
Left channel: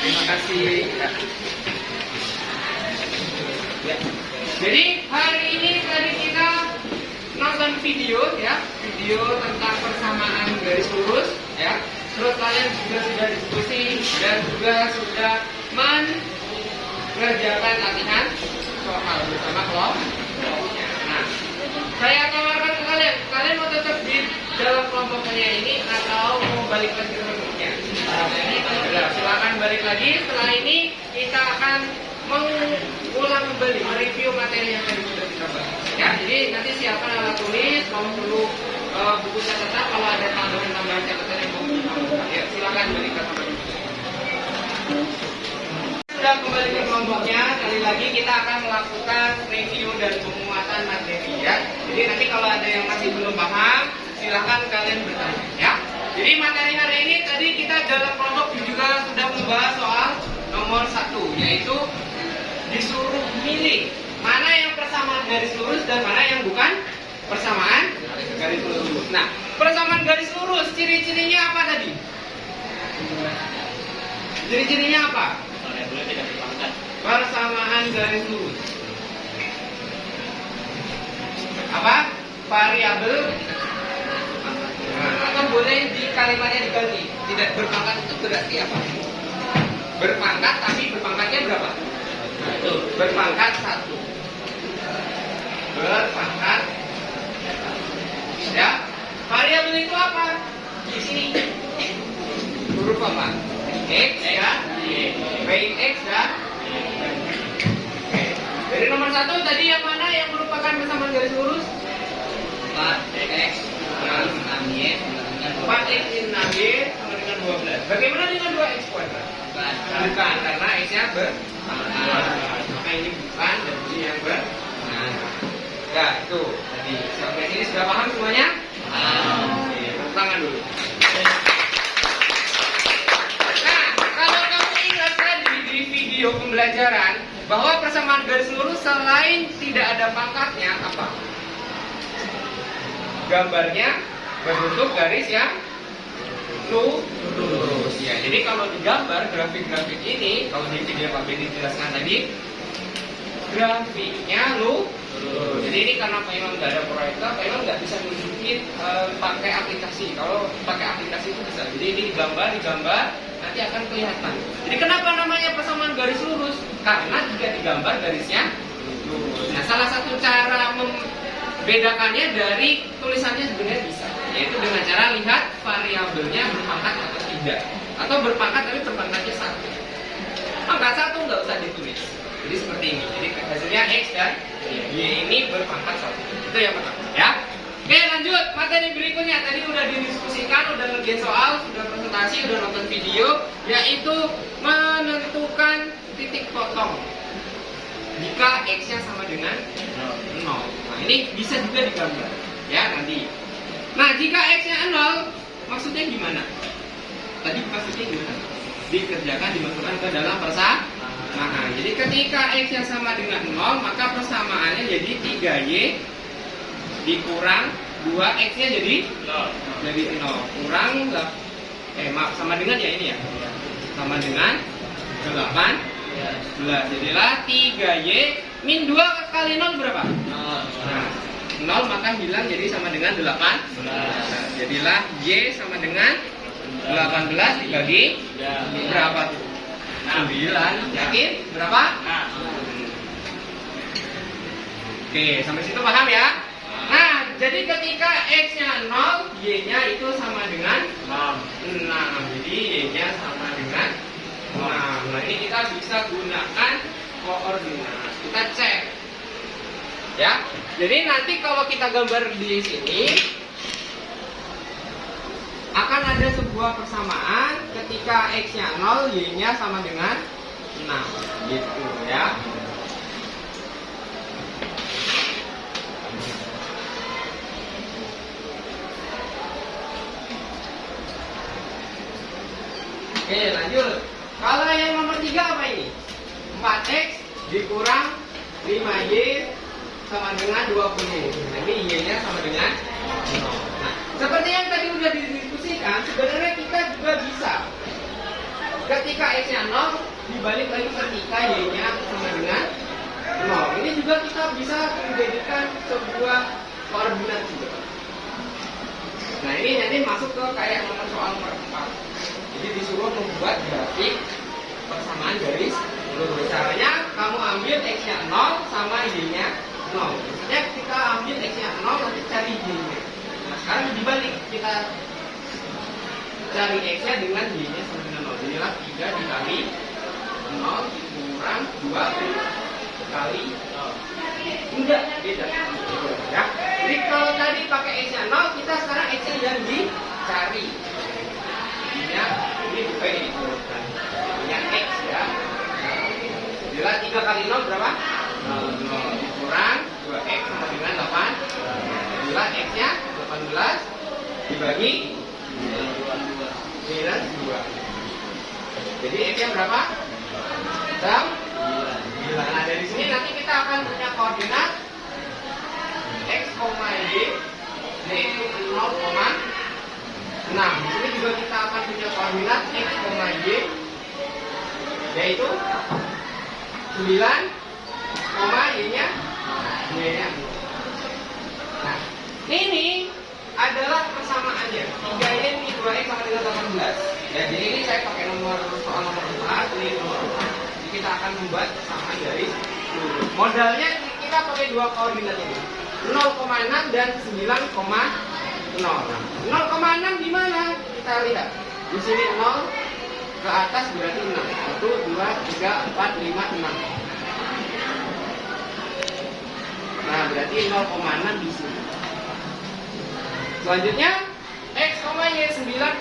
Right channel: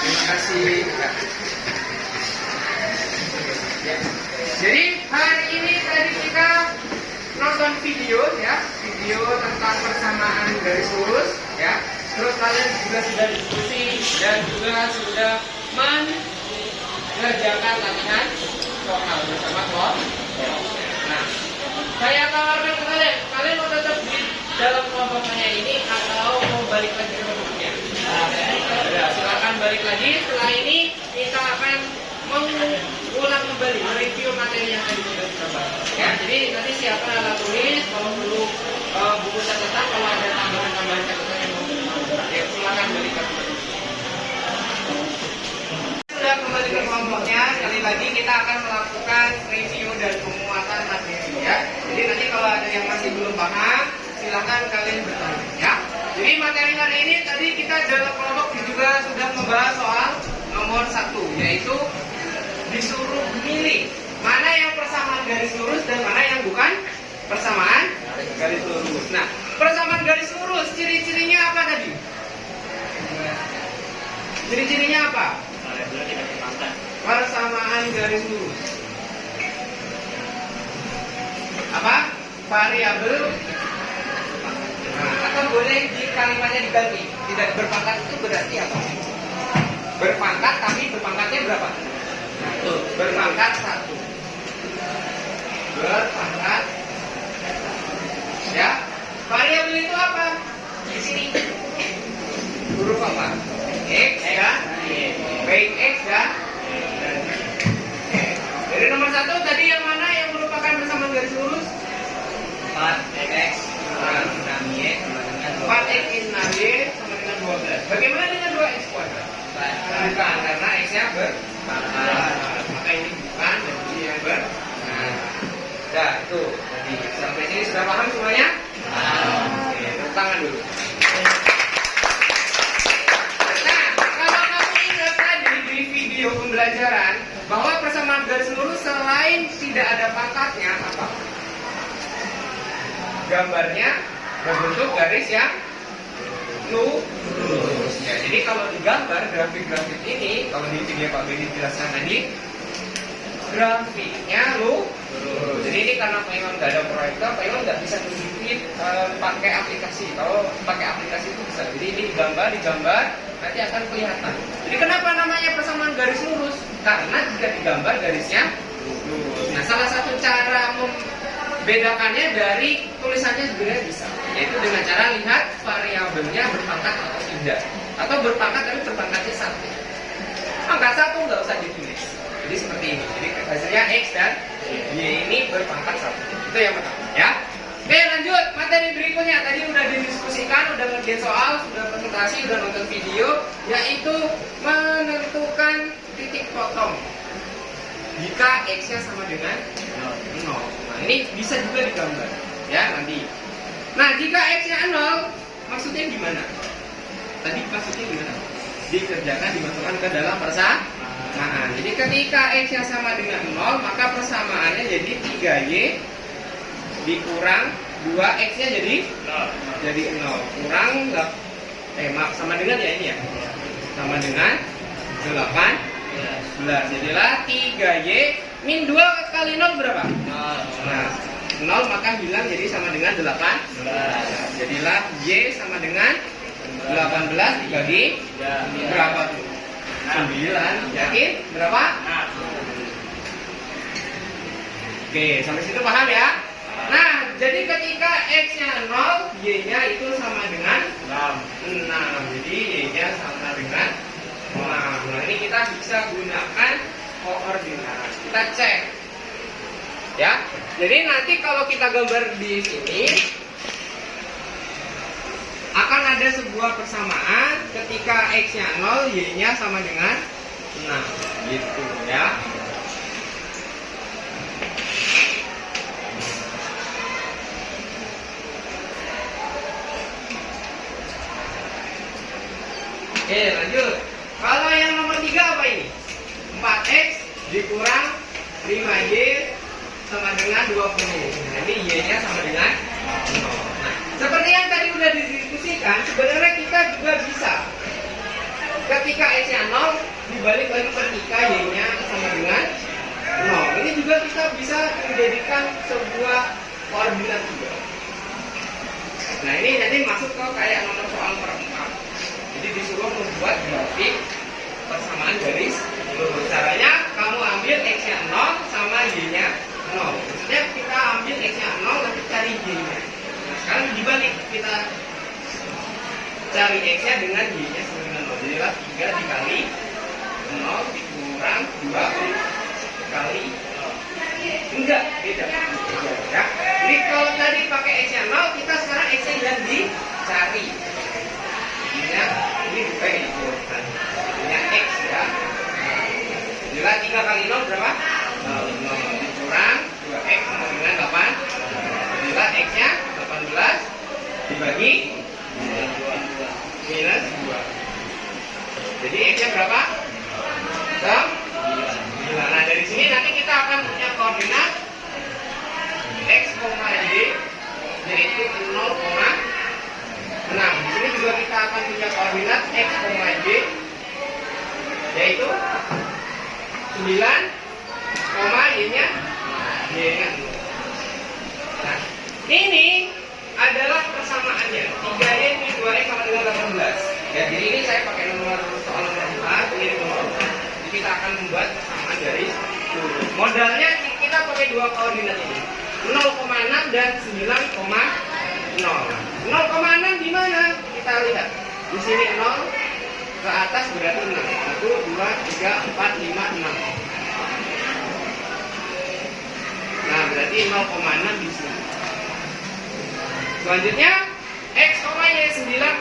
Terima kasih. Ya. Jadi hari ini tadi kita nonton video ya, video tentang persamaan garis lurus ya. Terus kalian juga sudah diskusi dan juga sudah mengerjakan latihan soal bersama kelompok. Nah, saya tawarkan ke kalian, kalian mau tetap di dalam kelompoknya ini atau mau balik lagi ke bentuknya? Sudah, silakan balik lagi. Setelah ini kita akan mengulang kembali, mereview materi yang tadi sudah kita bahas. Ya, jadi nanti siapkan alat tulis, kalau perlu buku catatan, kalau ada tambahan-tambahan catatan yang mau ditambahkan, ya silakan balik ke teman-teman. Sudah kembali ke kelompoknya, sekali lagi kita akan melakukan review dan penguatan materi ya. Jadi nanti kalau ada yang masih belum paham, silakan kalian bertanya ya. Jadi materi hari ini tadi kita dalam kelompok juga sudah membahas soal nomor 1, yaitu disuruh milih mana yang persamaan garis lurus dan mana yang bukan persamaan garis lurus. Nah, persamaan garis lurus ciri-cirinya apa tadi? Ciri-cirinya apa? Variabelnya tidak berpangkat. Persamaan garis lurus. Apa? Variabel. Nah, atau boleh di kalimatnya diganti. Tidak berpangkat itu berarti apa? Berpangkat tapi berpangkatnya berapa? Itu. Berpangkat 1. Berpangkat. Ya. Variabel itu apa? Di sini. Huruf apa? X dan Y. Baik X dan Y. Dari nomor 1 tadi yang mana yang merupakan persamaan garis lurus? 4x 6y sama dengan 4x 6y sama dengan 12. Bagaimana dengan 2x kuadrat? Bukan, karena x-nya berpangkat. Maka ini bukan dan ini yang berpangkat. Nah, itu tadi. Sampai sini sudah paham semuanya? Oke, tepuk tangan dulu. Nah, kalau kamu ingat tadi di video pembelajaran bahwa persamaan garis lurus selain tidak ada pangkatnya apa? Gambarnya berbentuk garis yang lurus. Ya, jadi kalau digambar grafik-grafik ini, kalau di video Pak Bedi jelaskan tadi, grafiknya lurus. Jadi ini karena Pak Imam nggak ada proyektor, Pak Imam nggak bisa nunjukin pakai aplikasi. Kalau pakai aplikasi itu bisa. Jadi ini digambar, nanti akan kelihatan. Jadi kenapa namanya persamaan garis lurus? Karena jika digambar garisnya lurus. Nah, salah satu cara membedakannya dari tulisannya sebenarnya bisa, yaitu dengan cara lihat variabelnya berpangkat atau tidak, atau berpangkat tapi berpangkatnya 1. Angka 1 nggak usah ditulis. Jadi seperti ini. Jadi hasilnya X dan Y ini berpangkat 1. Itu yang pertama, ya. Oke, lanjut materi berikutnya. Tadi udah didiskusikan, udah ngerjain soal, sudah presentasi, udah nonton video, yaitu menentukan titik potong jika X-nya sama dengan 0. Nah, ini bisa juga digambar, ya nanti. Nah, jika X-nya 0, maksudnya gimana? Tadi maksudnya gimana? Dikerjakan, dimasukkan ke dalam persamaan. Nah, jadi ketika X-nya sama dengan 0, maka persamaannya jadi 3Y dikurang 2X-nya jadi 0. Kurang maaf, sama dengan ya ini ya. Sama dengan 18. Jadilah 3Y min 2 kali 0 berapa? 0. Nah, 0 maka hilang jadi sama dengan 18. Jadilah Y sama dengan 18 dibagi berapa tuh? 9. Yakin? Berapa? Oke, sampai situ paham ya? Nah, jadi ketika X-nya 0, Y-nya itu sama dengan 6. Jadi Y-nya sama dengan 6. Nah, ini kita bisa gunakan koordinat. Kita cek. Ya. Jadi nanti kalau kita gambar di sini akan ada sebuah persamaan ketika X-nya 0, Y-nya sama dengan 6. Gitu ya. Oke, lanjut. Kalau yang nomor 3 apa ini? 4X dikurang 5Y sama dengan 20. Nah, ini Y-nya sama dengan 0. Nah, seperti yang tadi udah didiskusikan, sebenarnya kita juga bisa. Ketika X-nya 0, dibalik lagi ketika Y-nya sama dengan 0. Ini juga kita bisa menjadikan sebuah koordinat juga. Nah, ini nanti masuk ke kayak nomor soal nomor 4. Jadi disuruh membuat grafik persamaan garis lurus. Caranya kamu ambil X-nya 0 sama Y-nya 0. Maksudnya kita ambil X-nya 0 nanti cari Y-nya. Nah, sekarang dibalik, kita cari X-nya dengan Y-nya sama dengan 0. Jadilah 3 dikali 0 dikurang 2 dikali 0. Enggak, beda. Ya. Jadi kalau tadi pakai X-nya 0, kita sekarang X-nya yang dicari. Ini bukan dikurangkan. Ini X ya. Jadilah 3 kali 0 berapa? 0. Dikurang 2X sama dengan 8. Jadilah X-nya 18 dibagi minus 2. Jadi X-nya berapa? 9. Nah, dari sini nanti kita akan punya koordinat X, Y, yaitu 0,6. Di sini juga kita akan punya koordinat X, Y, yaitu 9, Y-nya 0. Nah, ini adalah persamaannya 3Y min 2X sama dengan 18. Ya, jadi ini saya pakai soal nomor 4, ini nomor 4. Jadi kita akan membuat persamaan garis lurus. Modalnya kita pakai dua koordinat ini, 0,6 dan 9,0. 0,6 di mana? Kita lihat. Di sini 0 ke atas berarti 6. 1, 2, 3, 4, 5, 6. Nah, berarti 0,6 di sini. Selanjutnya X, Y 9,0.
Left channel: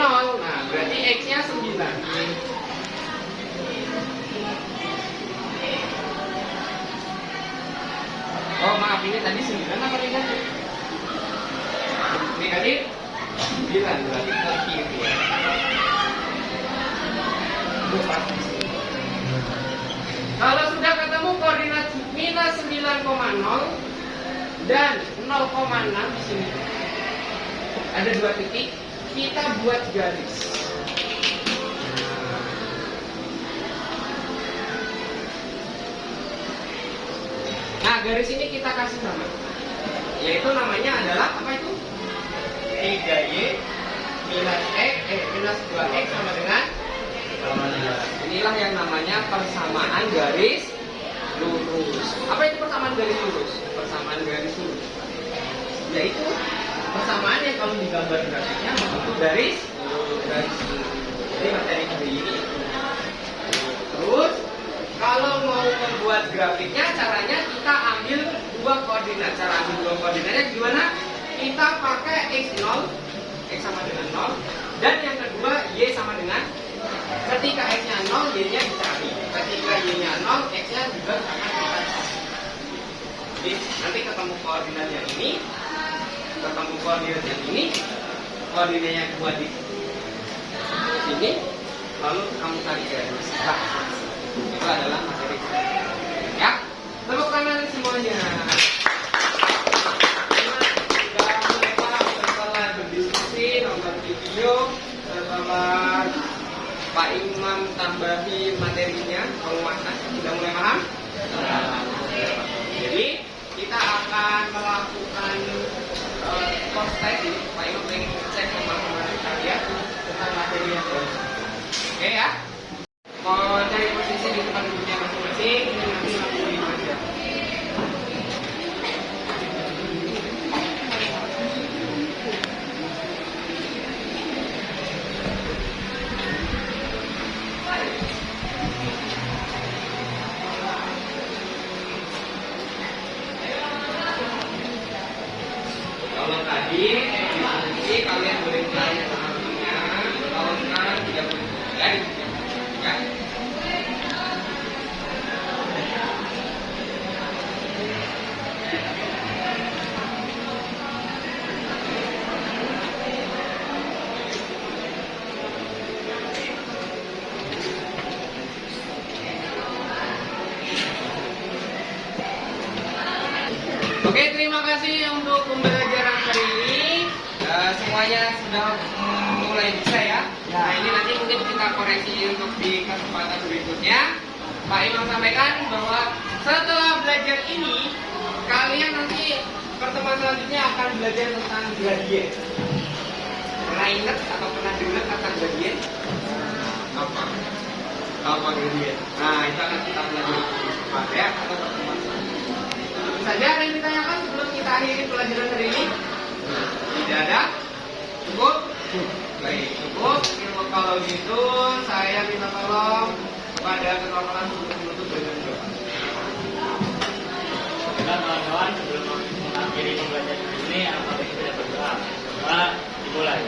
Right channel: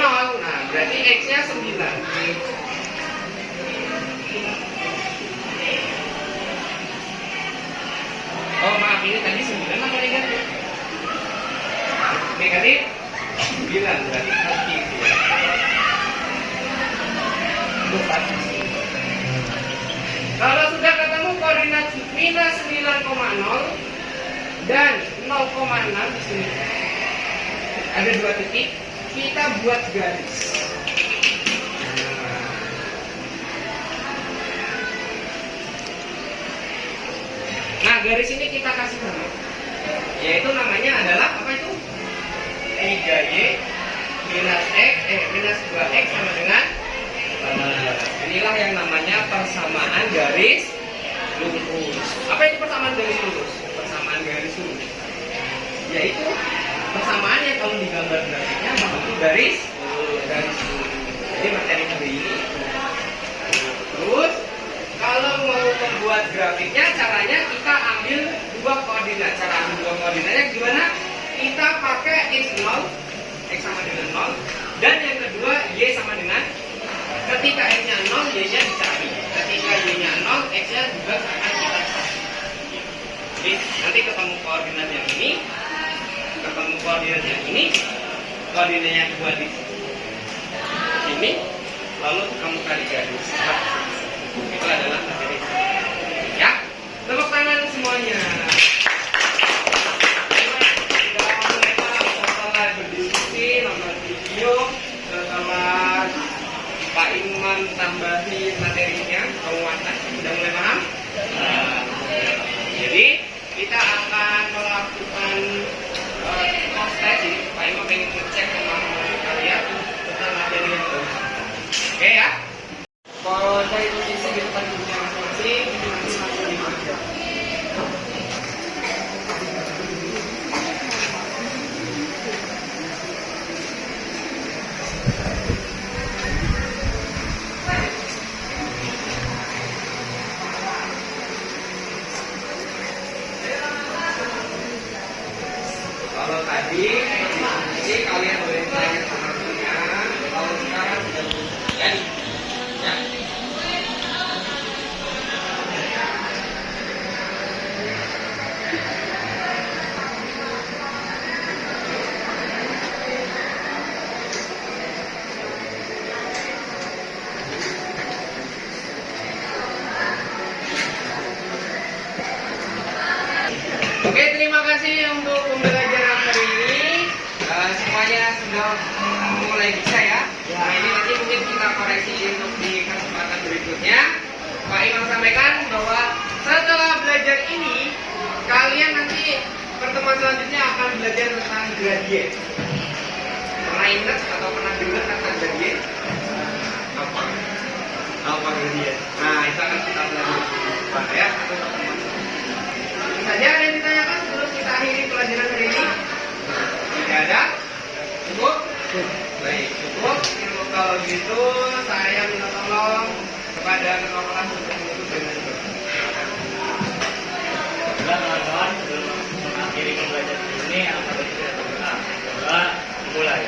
Nah, berarti X-nya 9. Oh, maaf, ini tadi 9 apa negatif? Negatif 9, berarti negatif ya. Kalau sudah ketemu koordinat minus 9,0 dan 0,6 di sini ada dua titik, kita buat garis. Nah, garis ini kita kasih nama, yaitu namanya adalah apa itu? 3Y minus X minus 2X sama dengan 18. Inilah yang namanya persamaan garis lurus. Apa itu persamaan garis lurus? Persamaan garis lurus yaitu persamaan yang kalau digambar grafiknya bentuk garis lurus. Jadi materi hari ini. Terus kalau mau membuat grafiknya, caranya kita ambil dua koordinat. Cara ambil dua koordinatnya gimana? Kita pakai x0, x sama dengan 0, dan yang kedua y sama dengan, ketika x-nya 0, y-nya dicari. Ketika y-nya 0, x-nya juga akan kita cari. Jadi nanti ketemu koordinat yang ini, ketemu koordinat yang ini, koordinatnya buat di sini, lalu kamu cari garis. Nah, itu adalah materi. Ya, tepuk tangan semuanya. Setelah berdiskusi, nonton video, setelah Pak Imam tambahin materinya, penguatan, sudah mulai paham? Jadi kita akan melakukan post test. Jadi Pak Imam ingin ngecek pemahaman kalian tentang materi yang baru. Oke ya? Mau cari posisi di tempat duduknya masing-masing, ini nanti masih di meja. Kalau tadi diskusi kalian boleh cari pemahamannya, kalau sekarang tidak boleh lagi. Ya. Oke, terima kasih untuk pembelajaran hari ini. Semuanya sudah mulai bisa ya. Nah, ini nanti mungkin kita koreksi untuk di kesempatan berikutnya. Pak Imam sampaikan bahwa setelah belajar ini, kalian nanti pertemuan selanjutnya akan belajar tentang gradien. Pernah ingat atau pernah dengar kata gradien? Apa? Apa gradien? Nah, itu akan kita belajar pada ya atau pertemuan selanjutnya. Saja ada yang ditanyakan sebelum kita akhiri pelajaran hari ini? Tidak ada? Cukup? Baik, cukup. Kalau gitu saya minta tolong kepada ketua kelas untuk menutup dengan doa. Teman-teman, sebelum mengakhiri pembelajaran ini, apa yang kita berdoa? Doa dimulai.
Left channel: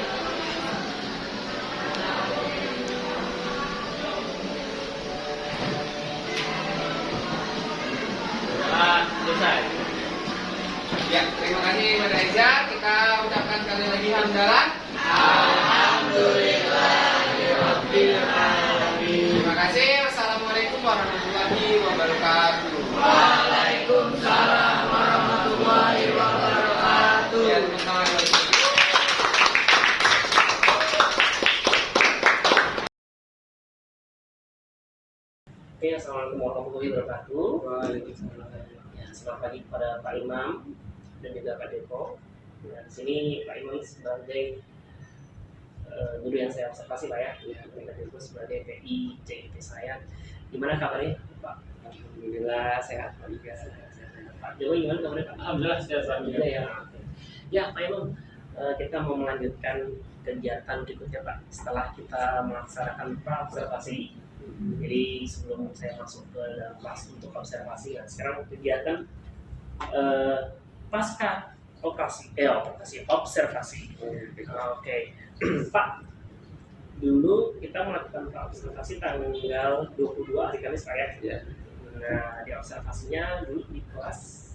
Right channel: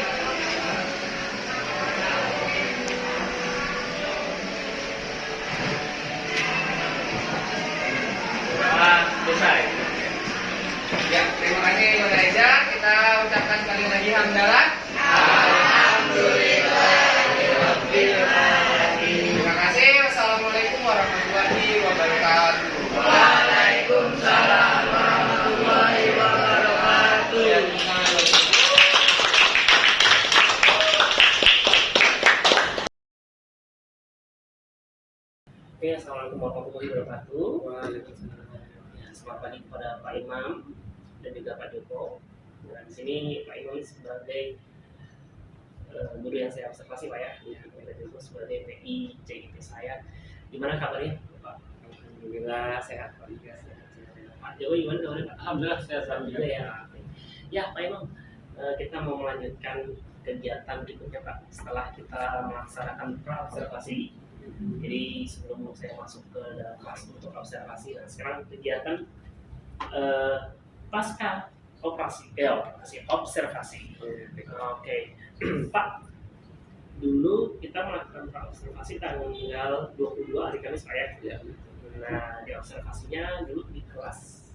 Doa selesai. Ya, terima kasih kepada Eza. Kita ucapkan sekali lagi hamdalah. Alhamdulillah. Terima kasih. Wassalamualaikum. Oke, assalamualaikum warahmatullahi wabarakatuh. Waalaikumsalam. Ya, selamat pagi kepada Pak Imam dan juga Pak Deko. Nah, di sini Pak Imam sebagai guru yang saya observasi Pak ya. Pak Deko sebagai PI CIT saya. Gimana kabarnya Pak? Alhamdulillah sehat Pak Iga. Pak Dewa gimana kabarnya Pak? Alhamdulillah saya Alhamdulillah ya. Oke. Ya Pak Imam, kita mau melanjutkan kegiatan berikutnya Pak. Setelah kita melaksanakan pra-observasi. Jadi sebelum saya masuk ke dalam kelas untuk observasi, nah sekarang kegiatan pasca observasi. Oke. Pak, dulu kita melakukan observasi tanggal 22 hari Kamis Pak ya. Ya. Nah, di observasinya dulu di kelas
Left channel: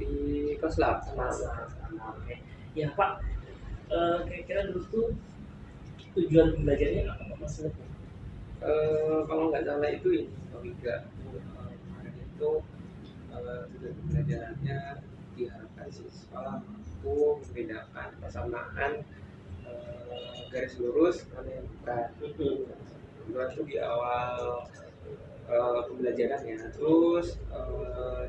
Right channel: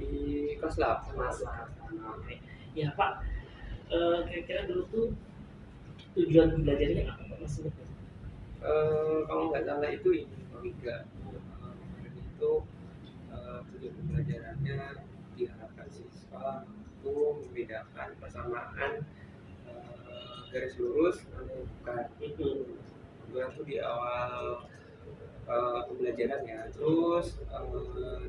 Di kelas 8 kelas 8. Oke. Ya Pak, kira-kira dulu tuh tujuan belajarnya apa Pak Mas? Kalau nggak salah itu ini Pak Iga. Kemarin itu tujuan pembelajarannya diharapkan siswa mampu membedakan persamaan garis lurus mana yang bukan. Kebetulan itu di awal pembelajaran ya. Terus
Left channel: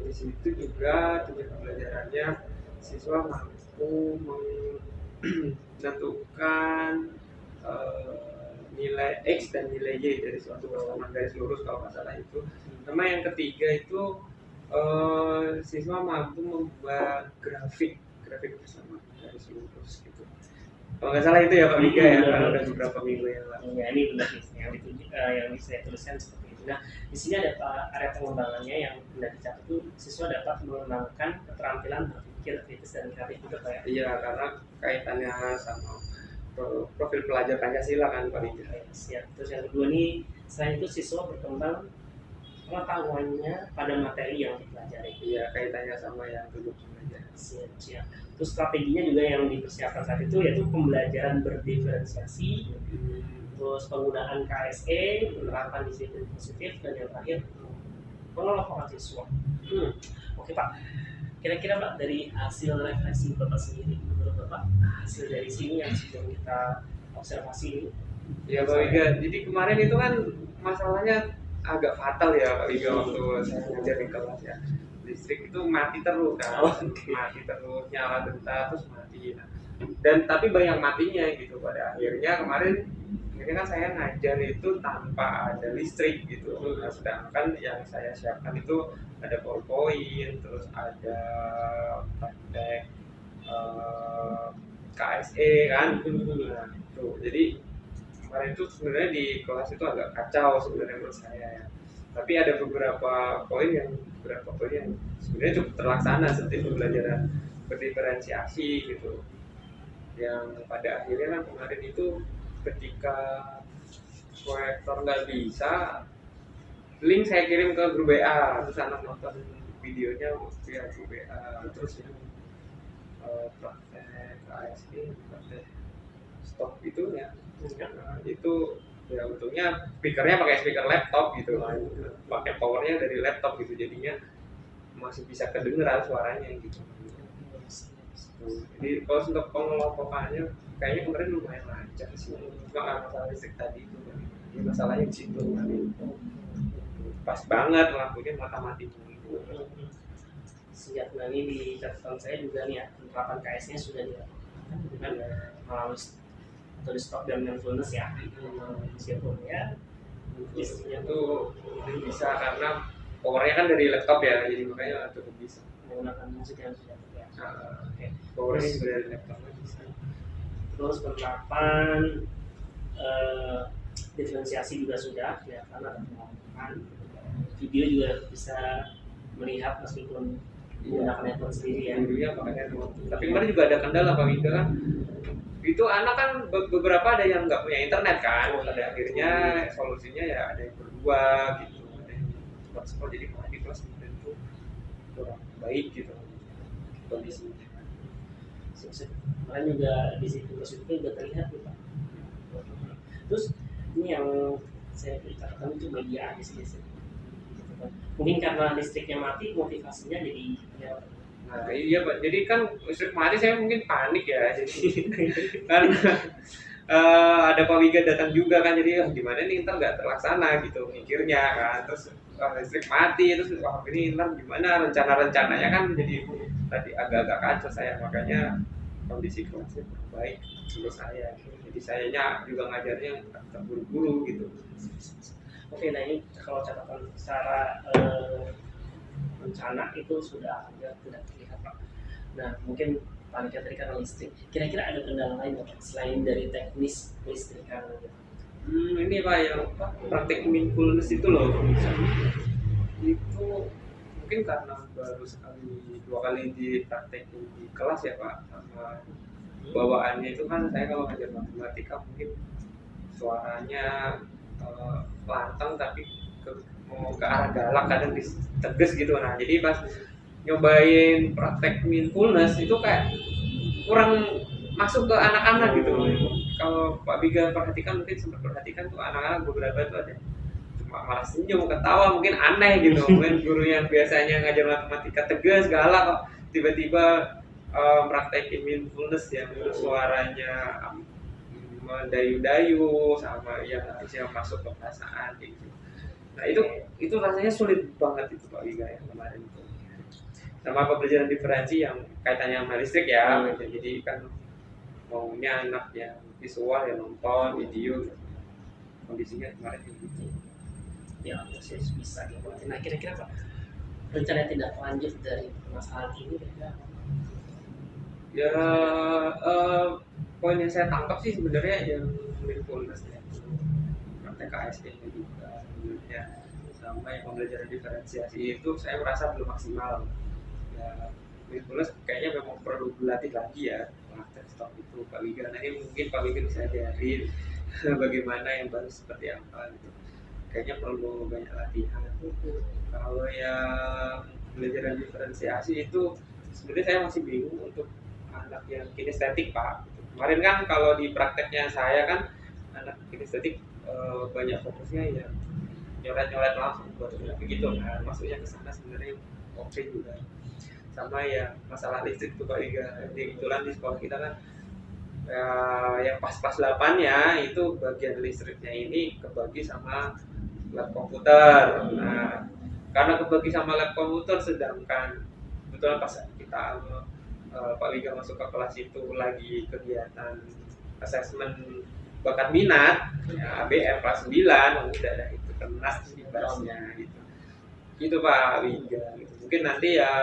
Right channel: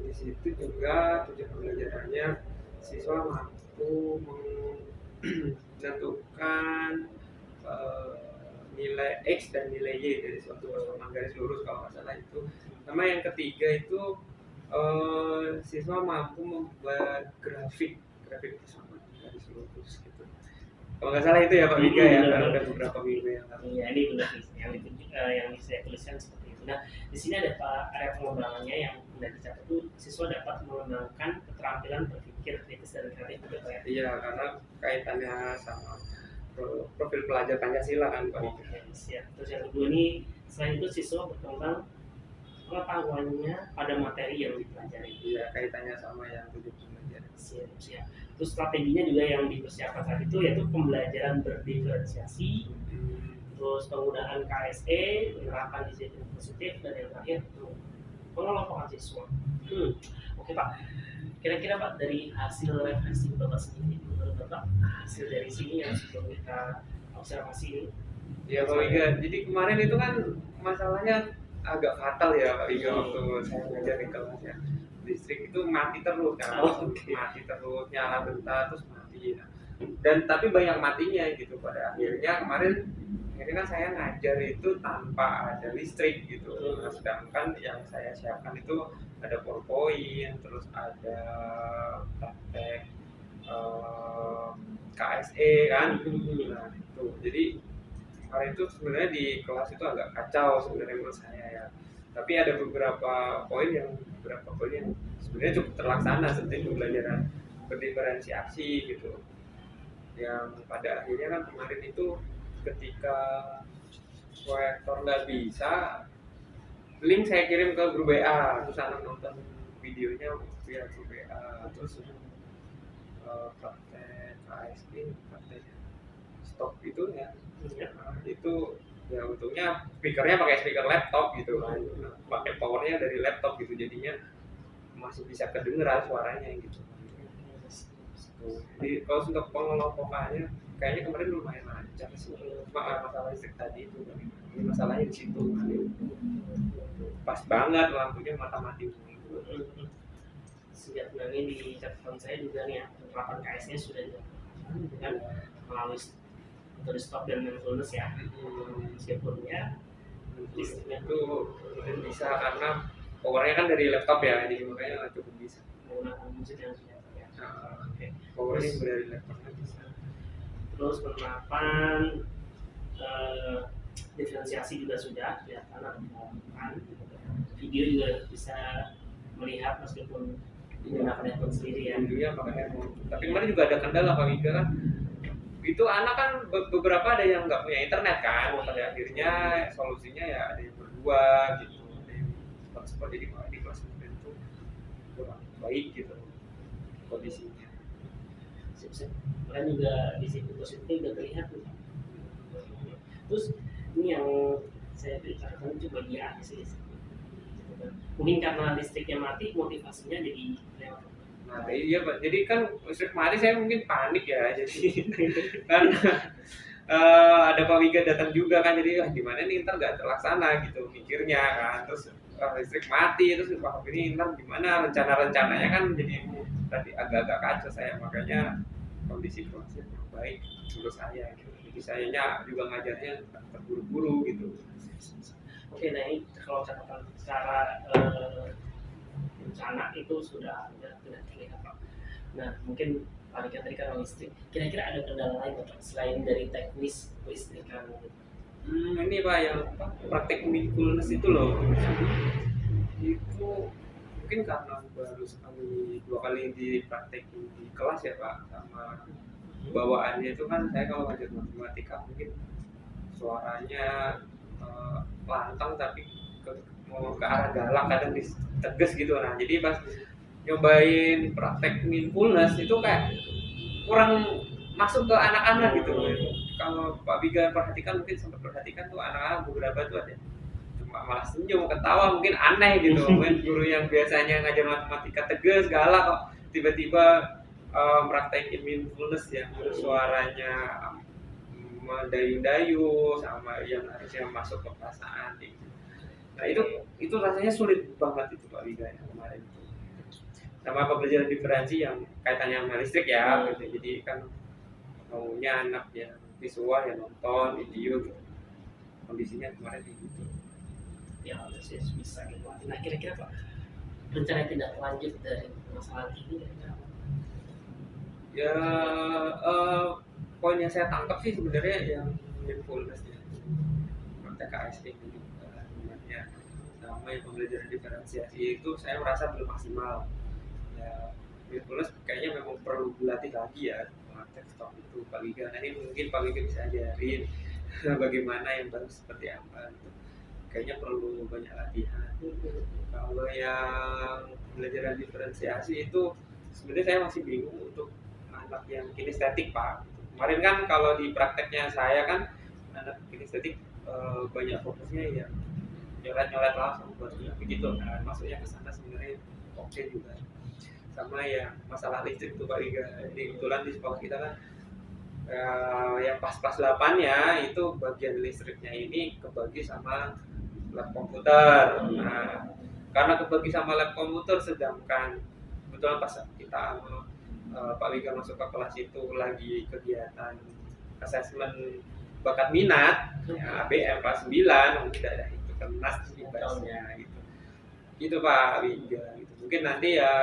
di situ juga tujuan pembelajarannya siswa mampu menentukan nilai X dan nilai Y dari suatu persamaan garis lurus kalau nggak salah itu. Sama yang ketiga itu siswa mampu membuat grafik persamaan garis lurus gitu. Kalau nggak salah itu ya Pak Mika ya, karena udah beberapa minggu yang lalu. Ya ini benar nih yang saya tuliskan seperti itu. Nah di sini ada area pengembangannya yang hendak dicatat itu siswa dapat mengembangkan keterampilan berpikir kritis dan kreatif betul Pak ya. Iya, karena kaitannya sama profil pelajar Pancasila kan Pak Mika. Oke, siap. Terus yang kedua nih selain itu siswa berkembang pengetahuannya pada materi yang dipelajari. Iya, kaitannya sama yang tujuan pembelajaran. Siap. Terus strateginya juga yang dipersiapkan saat itu yaitu pembelajaran berdiferensiasi, terus penggunaan KSE, penerapan disiplin positif, dan yang terakhir pengelompokan siswa. Oke Pak, kira-kira Pak dari hasil refleksi Bapak sendiri, menurut Bapak hasil dari sini yang sebelum kita observasi ini? Iya Pak Wiga, jadi kemarin itu kan masalahnya agak fatal ya Pak Wiga waktu saya ngajar di kelas ya. Listrik itu mati terus kan, mati terus, nyala bentar terus mati. Dan tapi banyak matinya gitu. Pada akhirnya kemarin kan saya ngajar itu tanpa ada listrik gitu. Nah, sedangkan yang saya siapkan itu ada PowerPoint, terus ada praktek KSE kan. Nah, itu. Jadi kemarin itu sebenarnya di kelas itu agak kacau sebenarnya menurut saya ya. Tapi ada beberapa poin yang sebenarnya cukup terlaksana seperti pembelajaran berdiferensiasi gitu. Yang pada akhirnya kan kemarin itu ketika proyektor nggak bisa, link saya kirim ke grup WA, terus anak nonton videonya via grup WA, terus yang praktek KSE, praktek stop itu ya, itu ya untungnya speakernya pakai speaker laptop gitu kan, pakai powernya dari laptop gitu, jadinya masih bisa kedengeran suaranya gitu. Jadi kalau untuk pengelompokannya kayaknya kemarin lumayan lancar sih, masalah listrik tadi itu kan, ya, masalahnya di situ kan, pas banget lampunya mati mulu. Siap. Nah ini di catatan saya juga nih ya, penerapan KS-nya sudah dilakukan dengan melalui atau di stop dan mindfulness ya, meskipun ya listriknya Itu bisa karena powernya kan dari laptop ya, jadi makanya cukup bisa. menggunakan musik yang sudah ya. Oke. Powernya juga dari laptopnya bisa. Terus penerapan diferensiasi juga sudah ya, karena melakukan video juga bisa melihat meskipun menggunakan handphone sendiri ya. Videonya pakai handphone. Tapi kemarin juga ada kendala Pak Wida kan. Itu anak kan beberapa ada yang nggak punya internet kan. Pada akhirnya solusinya ya ada yang berdua gitu, ada yang spot jadi malah di kelas kemudian itu kurang baik gitu kondisinya. Kalian juga di situ positifnya juga terlihat tuh Pak. Terus ini yang saya ceritakan itu bagian aja sih. Gitu kan. Mungkin karena listriknya mati, motivasinya jadi lewat. Nah iya Pak, jadi kan listrik mati saya mungkin panik ya, jadi kan ada Pak Wiga datang juga kan, jadi gimana nih ntar nggak terlaksana gitu mikirnya kan, terus listrik mati, terus wah ini ntar gimana rencana-rencananya kan, jadi tadi agak-agak kacau saya, makanya kondisi kelasnya kurang baik menurut saya gitu. Jadi sayanya juga ngajarnya terburu-buru gitu. Oke, nah ini kalau catatan secara rencana itu sudah tidak terlihat Pak. Nah mungkin Pak Dika tadi karena listrik, kira-kira ada kendala lain Pak selain dari teknis listrikan gitu? Ini Pak yang praktek mindfulness itu loh, itu mungkin karena baru sekali 2 kali dipraktekin di kelas ya Pak, sama bawaannya itu kan saya kalau ngajar matematika mungkin suaranya lantang tapi mau ke arah galak, kadang tegas gitu. Nah jadi pas nyobain praktek mindfulness itu kayak kurang masuk ke anak-anak gitu. Kalau Pak Biga perhatikan, mungkin sempat perhatikan tuh anak-anak beberapa tuh ada cuma malah senyum, ketawa, mungkin aneh gitu. Mungkin guru yang biasanya ngajar matematika tegas, galak kok tiba-tiba praktekin mindfulness yang suaranya mendayu-dayu sama yang harusnya masuk ke perasaan gitu. Nah itu rasanya sulit banget itu Pak Wiga yang kemarin itu. Sama pembelajaran diferensi yang kaitannya sama listrik ya, gitu. Jadi kan maunya anak yang visual ya nonton video gitu. Kondisinya kemarin kayak gitu. Ya harus bisa dibuat. Nah kira-kira Pak rencana tindak lanjut dari masalah ini kira-kira apa? Ya poin yang saya tangkap sih sebenarnya yang mindfulness ya, praktek KSE nya juga sebenarnya, sama yang pembelajaran diferensiasi itu saya merasa belum maksimal ya. Mindfulness kayaknya memang perlu berlatih lagi ya, praktek stop itu Pak Wiga. Nanti mungkin Pak Wiga bisa ajarin bagaimana yang bagus seperti apa gitu, kayaknya perlu banyak latihan. Kalau yang pembelajaran diferensiasi itu sebenarnya saya masih bingung untuk anak yang kinestetik Pak. Kemarin kan kalau di prakteknya saya kan anak kinestetik banyak fokusnya ya nyoret-nyoret langsung buat begitu kan, masuknya ke sana sebenarnya oke juga. Sama ya masalah listrik tuh Pak Wiga, kebetulan di sekolah kita kan yang pas-pas 8-nya itu bagian listriknya ini kebagi sama lab komputer. Nah karena kebagi sama lab komputer, sedangkan kebetulan pas kita Pak Wiga masuk ke kelas itu lagi kegiatan asesmen bakat minat ya, ABM kelas 9, udah ada itu kena dibahasnya gitu. Gitu Pak Wiga gitu. Mungkin nanti ya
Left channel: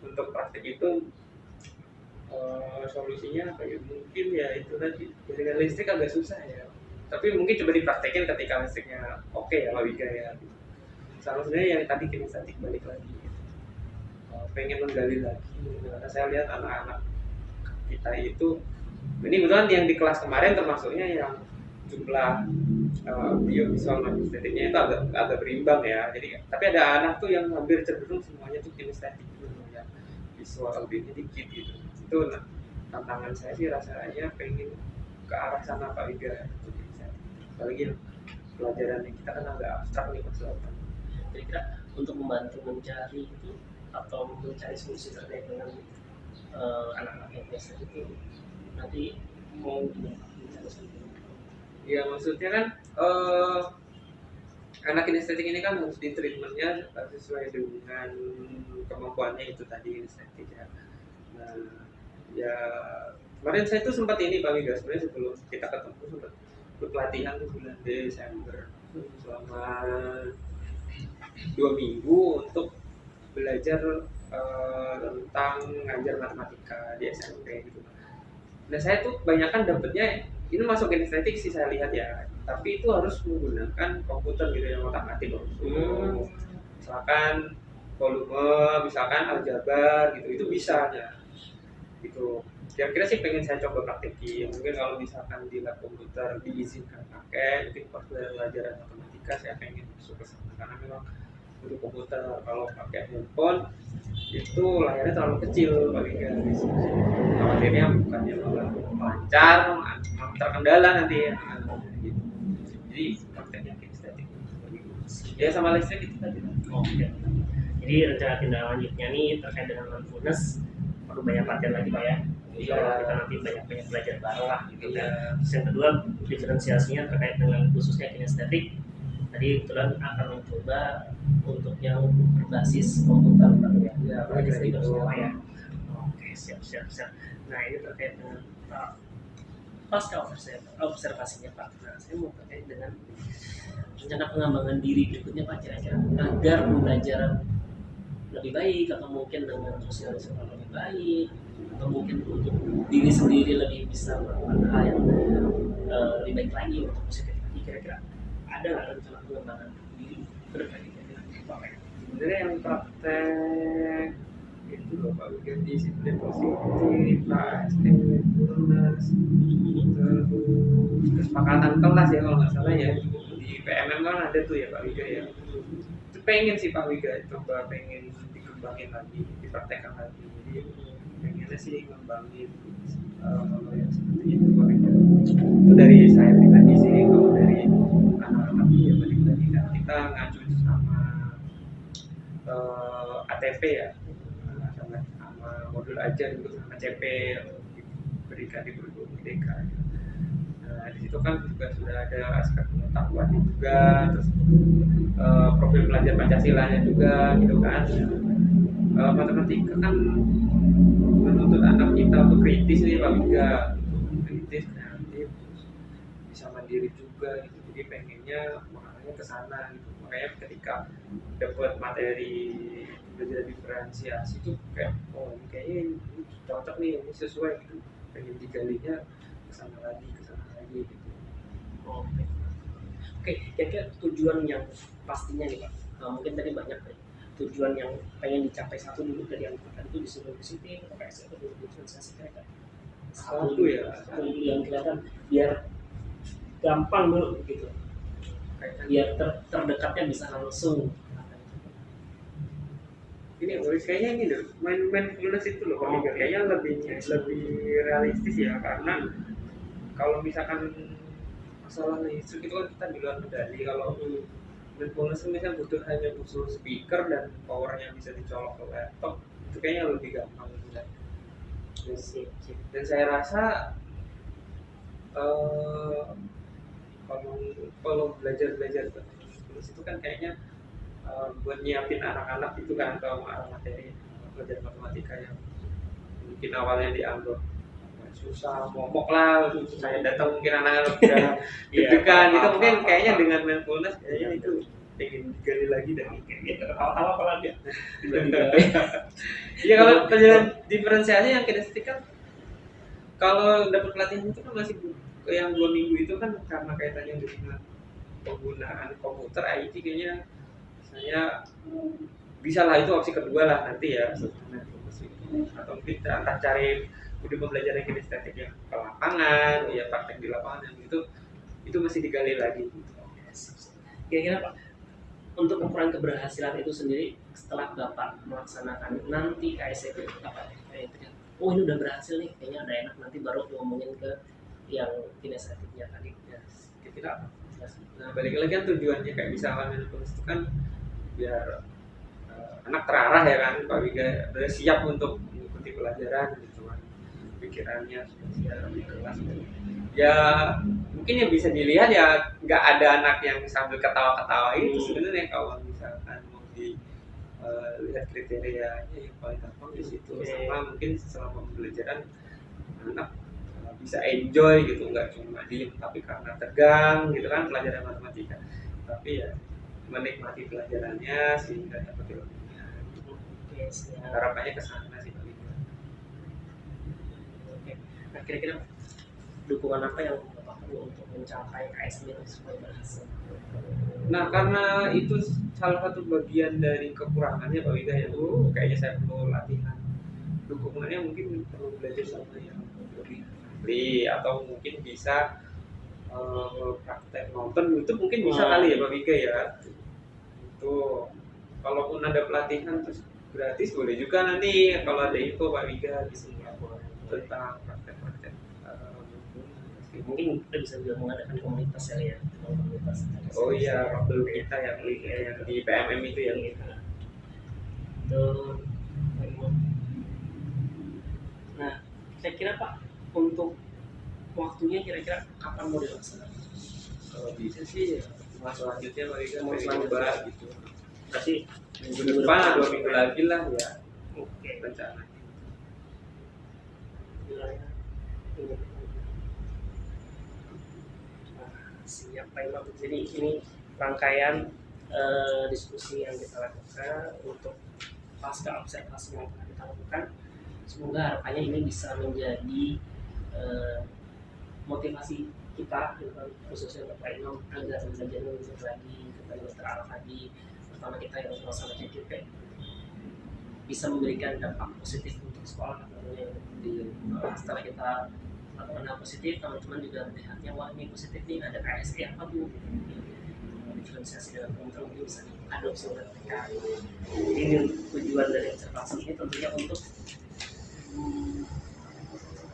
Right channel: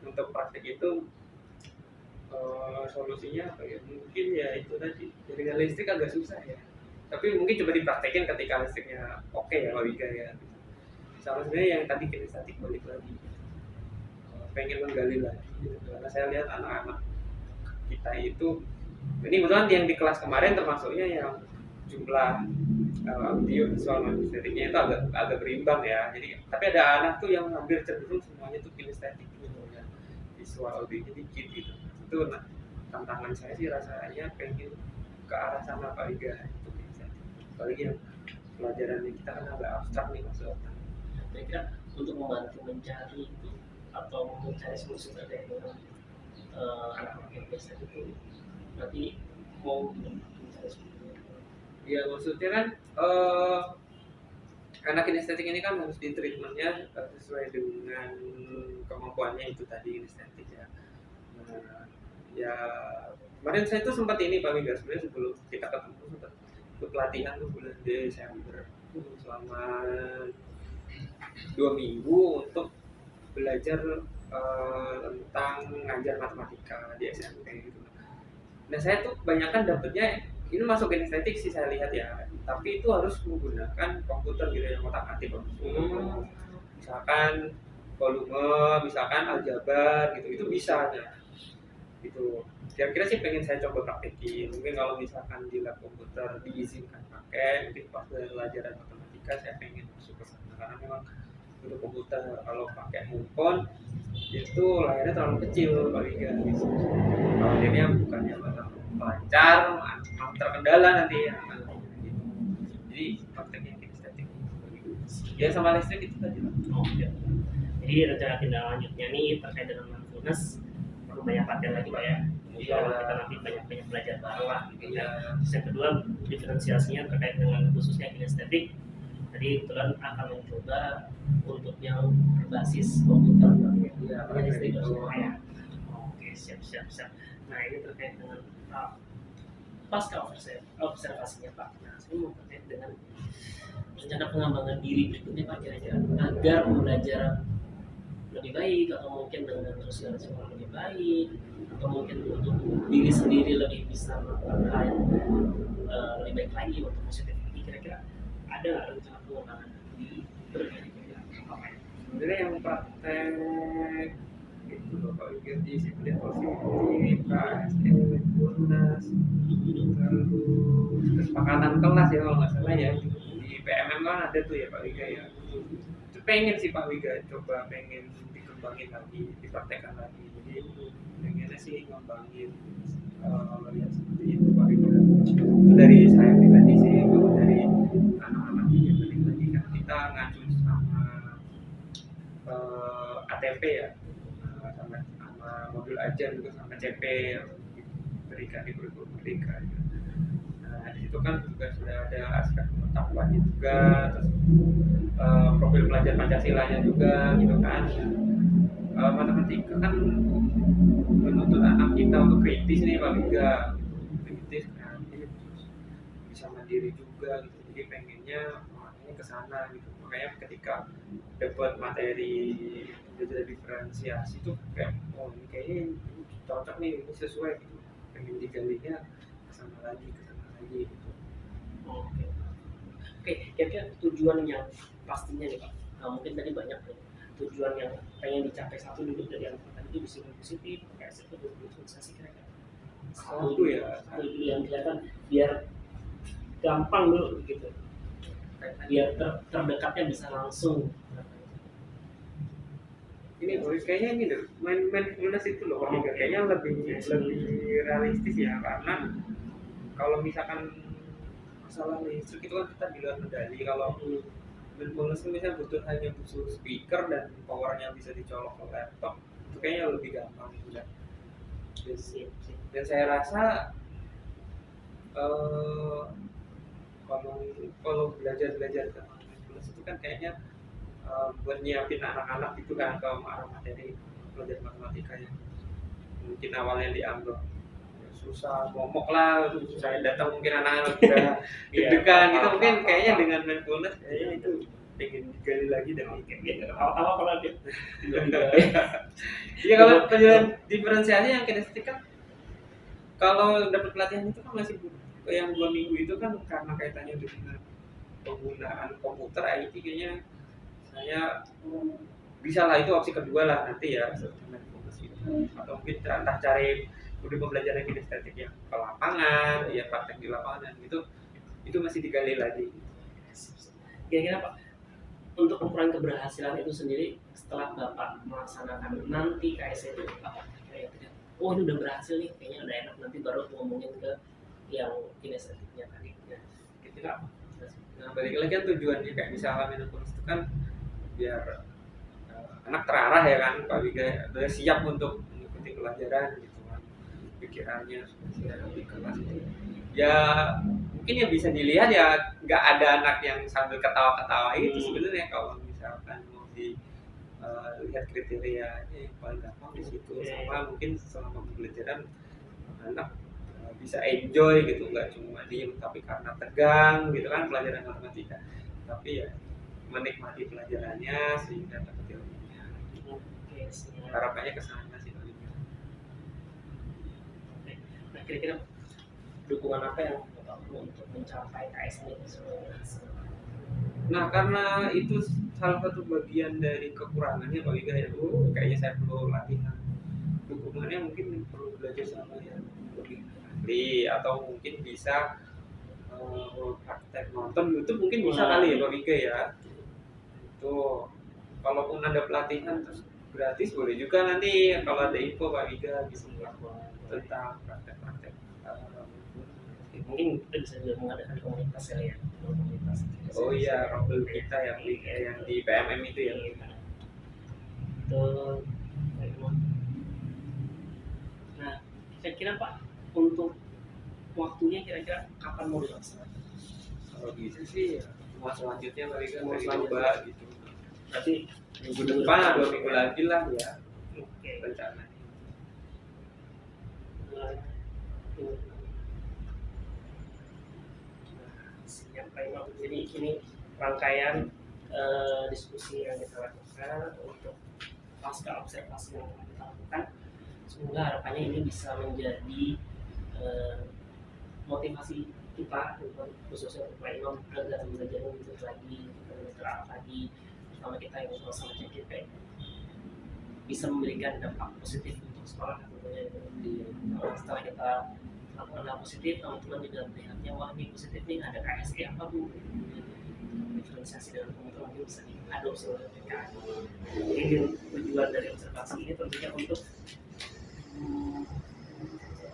untuk praktek itu solusinya apa ya? Mungkin ya itu tadi jaringan listrik agak susah ya. Tapi mungkin coba dipraktekin ketika listriknya oke ya Pak Wiga ya gitu. Sama sebenarnya yang tadi kinestetik balik lagi gitu. Pengen menggali lagi gitu. Karena saya lihat anak-anak kita itu, ini kebetulan yang di kelas kemarin termasuknya yang jumlah audio visual dan estetiknya itu agak berimbang ya. Jadi tapi ada anak tuh yang hampir cenderung semuanya tuh kinestetik gitu, yang visual audionya dikit gitu. Itu tantangan saya sih rasanya pengen ke arah sana Pak Wiga untuk kinestetik. Apalagi yang pelajarannya kita kan agak abstrak nih Mas Lautan. Kira-kira untuk membantu mencari itu atau mencari solusi terkait dengan anak-anak yang biasa itu nanti mau mencari solusinya? Ya maksudnya kan anak kinestetik ini kan harus di treatmentnya sesuai dengan kemampuannya itu tadi kinestetik ya. Nah ya kemarin saya tuh sempat ini Pak Wiga, sebenarnya sebelum kita ketemu sempat ikut pelatihan tuh bulan Desember selama 2 minggu untuk belajar tentang ngajar matematika di SMP gitu. Nah saya tuh kebanyakan dapetnya ini masuk kinestetik sih saya lihat ya, tapi itu harus menggunakan komputer gitu yang otak-atik misalkan volume, misalkan aljabar gitu, itu bisa ya gitu. Kira-kira sih pengen saya coba praktekin, mungkin kalau misalkan di lab komputer diizinkan pakai, mungkin pas pelajaran matematika saya pengen masuk ke sana karena memang butuh komputer. Kalau pakai handphone itu layarnya terlalu kecil Pak Wiga, khawatirnya bukannya malah lancar, malah terkendala nanti ya gitu. Jadi prakteknya kinestetik ya sama listrik itu tadi lah. Oh iya. Jadi rencana tindak lanjutnya nih terkait dengan mindfulness perlu banyak latihan lagi Pak ya. Insya Allah kita nanti banyak belajar baru lah gitu kan. Terus yang kedua diferensiasinya terkait dengan khususnya kinestetik. Tadi kebetulan akan mencoba untuk yang berbasis komputer Pak ya. Iya, Kinestetik gitu. Pak ya. Oke, siap. Nah ini terkait dengan pasca observasinya Pak. Nah saya mau terkait dengan rencana pengembangan diri berikutnya Pak, kira-kira agar belajar lebih baik atau mungkin dengan sosialisasi yang lebih baik atau mungkin untuk diri sendiri lebih bisa melakukan hal yang lebih baik lagi untuk positif lagi, kira-kira ada nggak rencana pengembangan diri berkali kira-kira apa Pak? Sebenarnya yang praktek itu loh Pak Wigan, disiplin positif, KSE, Tunas, terus kesepakatan kelas ya kalau nggak salah ya, di PMM kan ada tuh ya Pak Wiga ya. Itu pengen sih Pak Wiga, coba pengen dikembangin lagi, dipraktekkan lagi. Jadi pengennya sih ngembangin ya seperti itu Pak Wiga. Itu dari saya pribadi sih. Kalau dari anak-anak ya balik lagi kan kita ngacu sama ATP ya, sama modul ajar juga sama CP yang diberikan di kurikulum Merdeka ya. Nah di situ kan juga sudah ada aspek pengetahuannya juga, terus profil pelajar Pancasilanya juga gitu kan. Matematika kan menuntut anak kita untuk kritis nih Pak Wiga, kritis, kreatif, terus bisa mandiri juga gitu. Jadi pengennya makanya ke sana gitu. Makanya ketika dapat materi belajar diferensiasi itu kayak ini kayaknya ini cocok nih, ini sesuai gitu. Pengen digalinya ke sana lagi gitu. Oke, kira-kira tujuan yang pastinya nih Pak, mungkin tadi banyak nih tujuan yang pengen dicapai satu dulu dari yang tadi itu disiplin positif atau KSE atau diferensiasi, kira-kira Satu dulu yang kelihatan biar gampang dulu gitu, biar terdekatnya bisa langsung. Ini kayaknya ini loh, mindfulness itu loh Pak Wiga, kayaknya lebih realistis ya, karena kalau misalkan masalah listrik itu kan kita di luar medali. Kalau mindfulness itu misalnya hanya butuh speaker dan powernya bisa dicolok ke laptop, itu kayaknya lebih gampang gitu kan. Dan saya rasa kalau belajar tentang mindfulness itu kan kayaknya buat nyiapin anak-anak itu kan ke arah materi belajar matematika yang mungkin awalnya dianggap susah, momok lah, saya datang mungkin anak-anak udah deg-degan gitu, mungkin kayaknya dengan mindfulness kayaknya itu pengen digali lagi dan gitu. Tahu-tahu kalau dia iya, kalau pelajaran diferensiasi yang kinestetik kan kalau dapat pelatihan itu kan masih yang 2 minggu itu kan karena kaitannya dengan penggunaan komputer IT, kayaknya saya bisa lah, itu opsi kedua lah nanti ya setelah mindfulness itu, atau mungkin entah cari udah pembelajaran kinestetik yang ke lapangan, ya praktek di lapangan itu masih digali lagi. Kira-kira Pak, untuk ukuran keberhasilan itu sendiri setelah Bapak melaksanakan nanti KSE itu apa? Kayak oh ini udah berhasil nih, kayaknya udah enak, nanti baru ngomongin ke yang kinestetiknya tadi. Ya, kira-kira apa? Nah balik lagi kan tujuannya kayak misalnya mindfulness itu kan biar anak terarah ya kan Pak Wiga, udah siap untuk mengikuti pelajaran gitu kan, pikirannya sudah siap di kelas itu. Ya mungkin yang bisa dilihat ya nggak ada anak yang sambil ketawa-ketawa itu sebenarnya. Kalau misalkan mau lihat kriterianya yang paling gampang di situ. Sama mungkin selama pembelajaran anak bisa enjoy gitu, nggak cuma diem tapi karena tegang gitu kan pelajaran matematika, tapi ya menikmati pelajarannya sehingga dapat ilmunya. Harapannya ke sana sih Pak Wiga. Nah kira-kira dukungan apa yang Bapak perlu untuk mencapai KSE ini supaya berhasil? Nah karena itu salah satu bagian dari kekurangannya Pak Wiga ya, kayaknya saya perlu latihan. Dukungannya mungkin perlu belajar sama yang lebih ahli, atau mungkin bisa praktek nonton YouTube mungkin bisa kali ya Pak Wiga ya. Itu kalaupun ada pelatihan terus gratis boleh juga nanti kalau ada info Pak Wiga gitu tentang praktek-praktek. Mungkin kita bisa juga mengadakan komunitas ya, komunitas. Oh iya, rombel kita ya yang di PMM itu ya. Itu Kira-kira Pak, untuk waktunya kira-kira kapan mau dilaksanakan? Kalau bisa sih ya, mau selanjutnya mereka Mau pengen selanjutnya. coba gitu. Berarti Minggu depan atau 2 minggu lagi lah ya Oke. rencananya. Nah, siap Pak Imam. Jadi ini rangkaian diskusi yang kita lakukan untuk pasca observasi yang telah kita lakukan. Semoga harapannya ini bisa menjadi motivasi kita, khususnya untuk Pak Imam, agar belajar lebih lagi, lebih terarah lagi, terutama kita yang sama CCP bisa memberikan dampak positif untuk sekolah. Tentunya setelah kita lakukan hal positif, teman-teman juga melihatnya, wah ini positif nih, ada KSE apa Bu, diferensiasi dengan komputer mungkin bisa diadopsi oleh mereka. Ini tujuan dari observasi ini tentunya untuk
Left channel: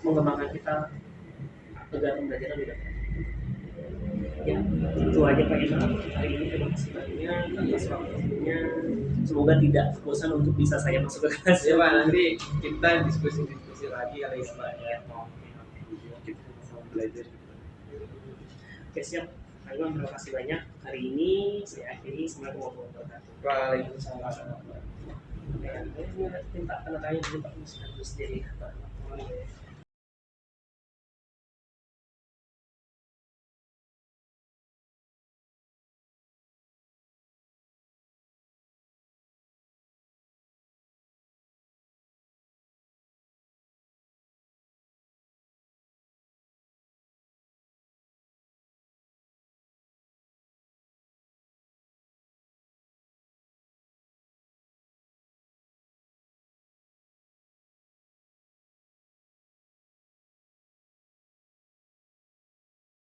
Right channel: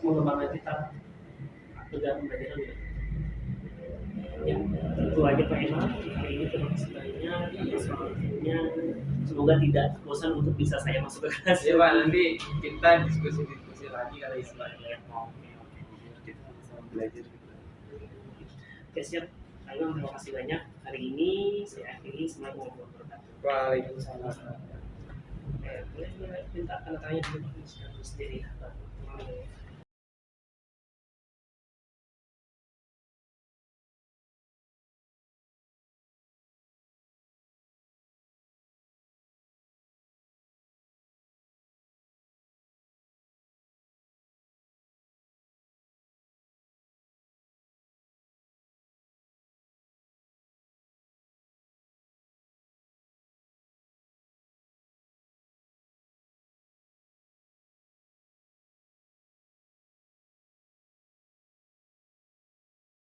mengembangkan kita agar belajar lebih baik. Ya, itu aja Pak Imam hari ini. Terima kasih banyak atas waktunya. Semoga tidak bosan untuk bisa saya masuk ke kelas. Ya Pak, nanti kita diskusi lagi kali ya Pak ya. Kita sama belajar gitu. Oke, siap Pak Imam, terima kasih banyak. Hari ini saya akhiri. Assalamualaikum warahmatullahi wabarakatuh. Waalaikumsalam. Oke, boleh minta tanda tanya dulu Pak, sendiri.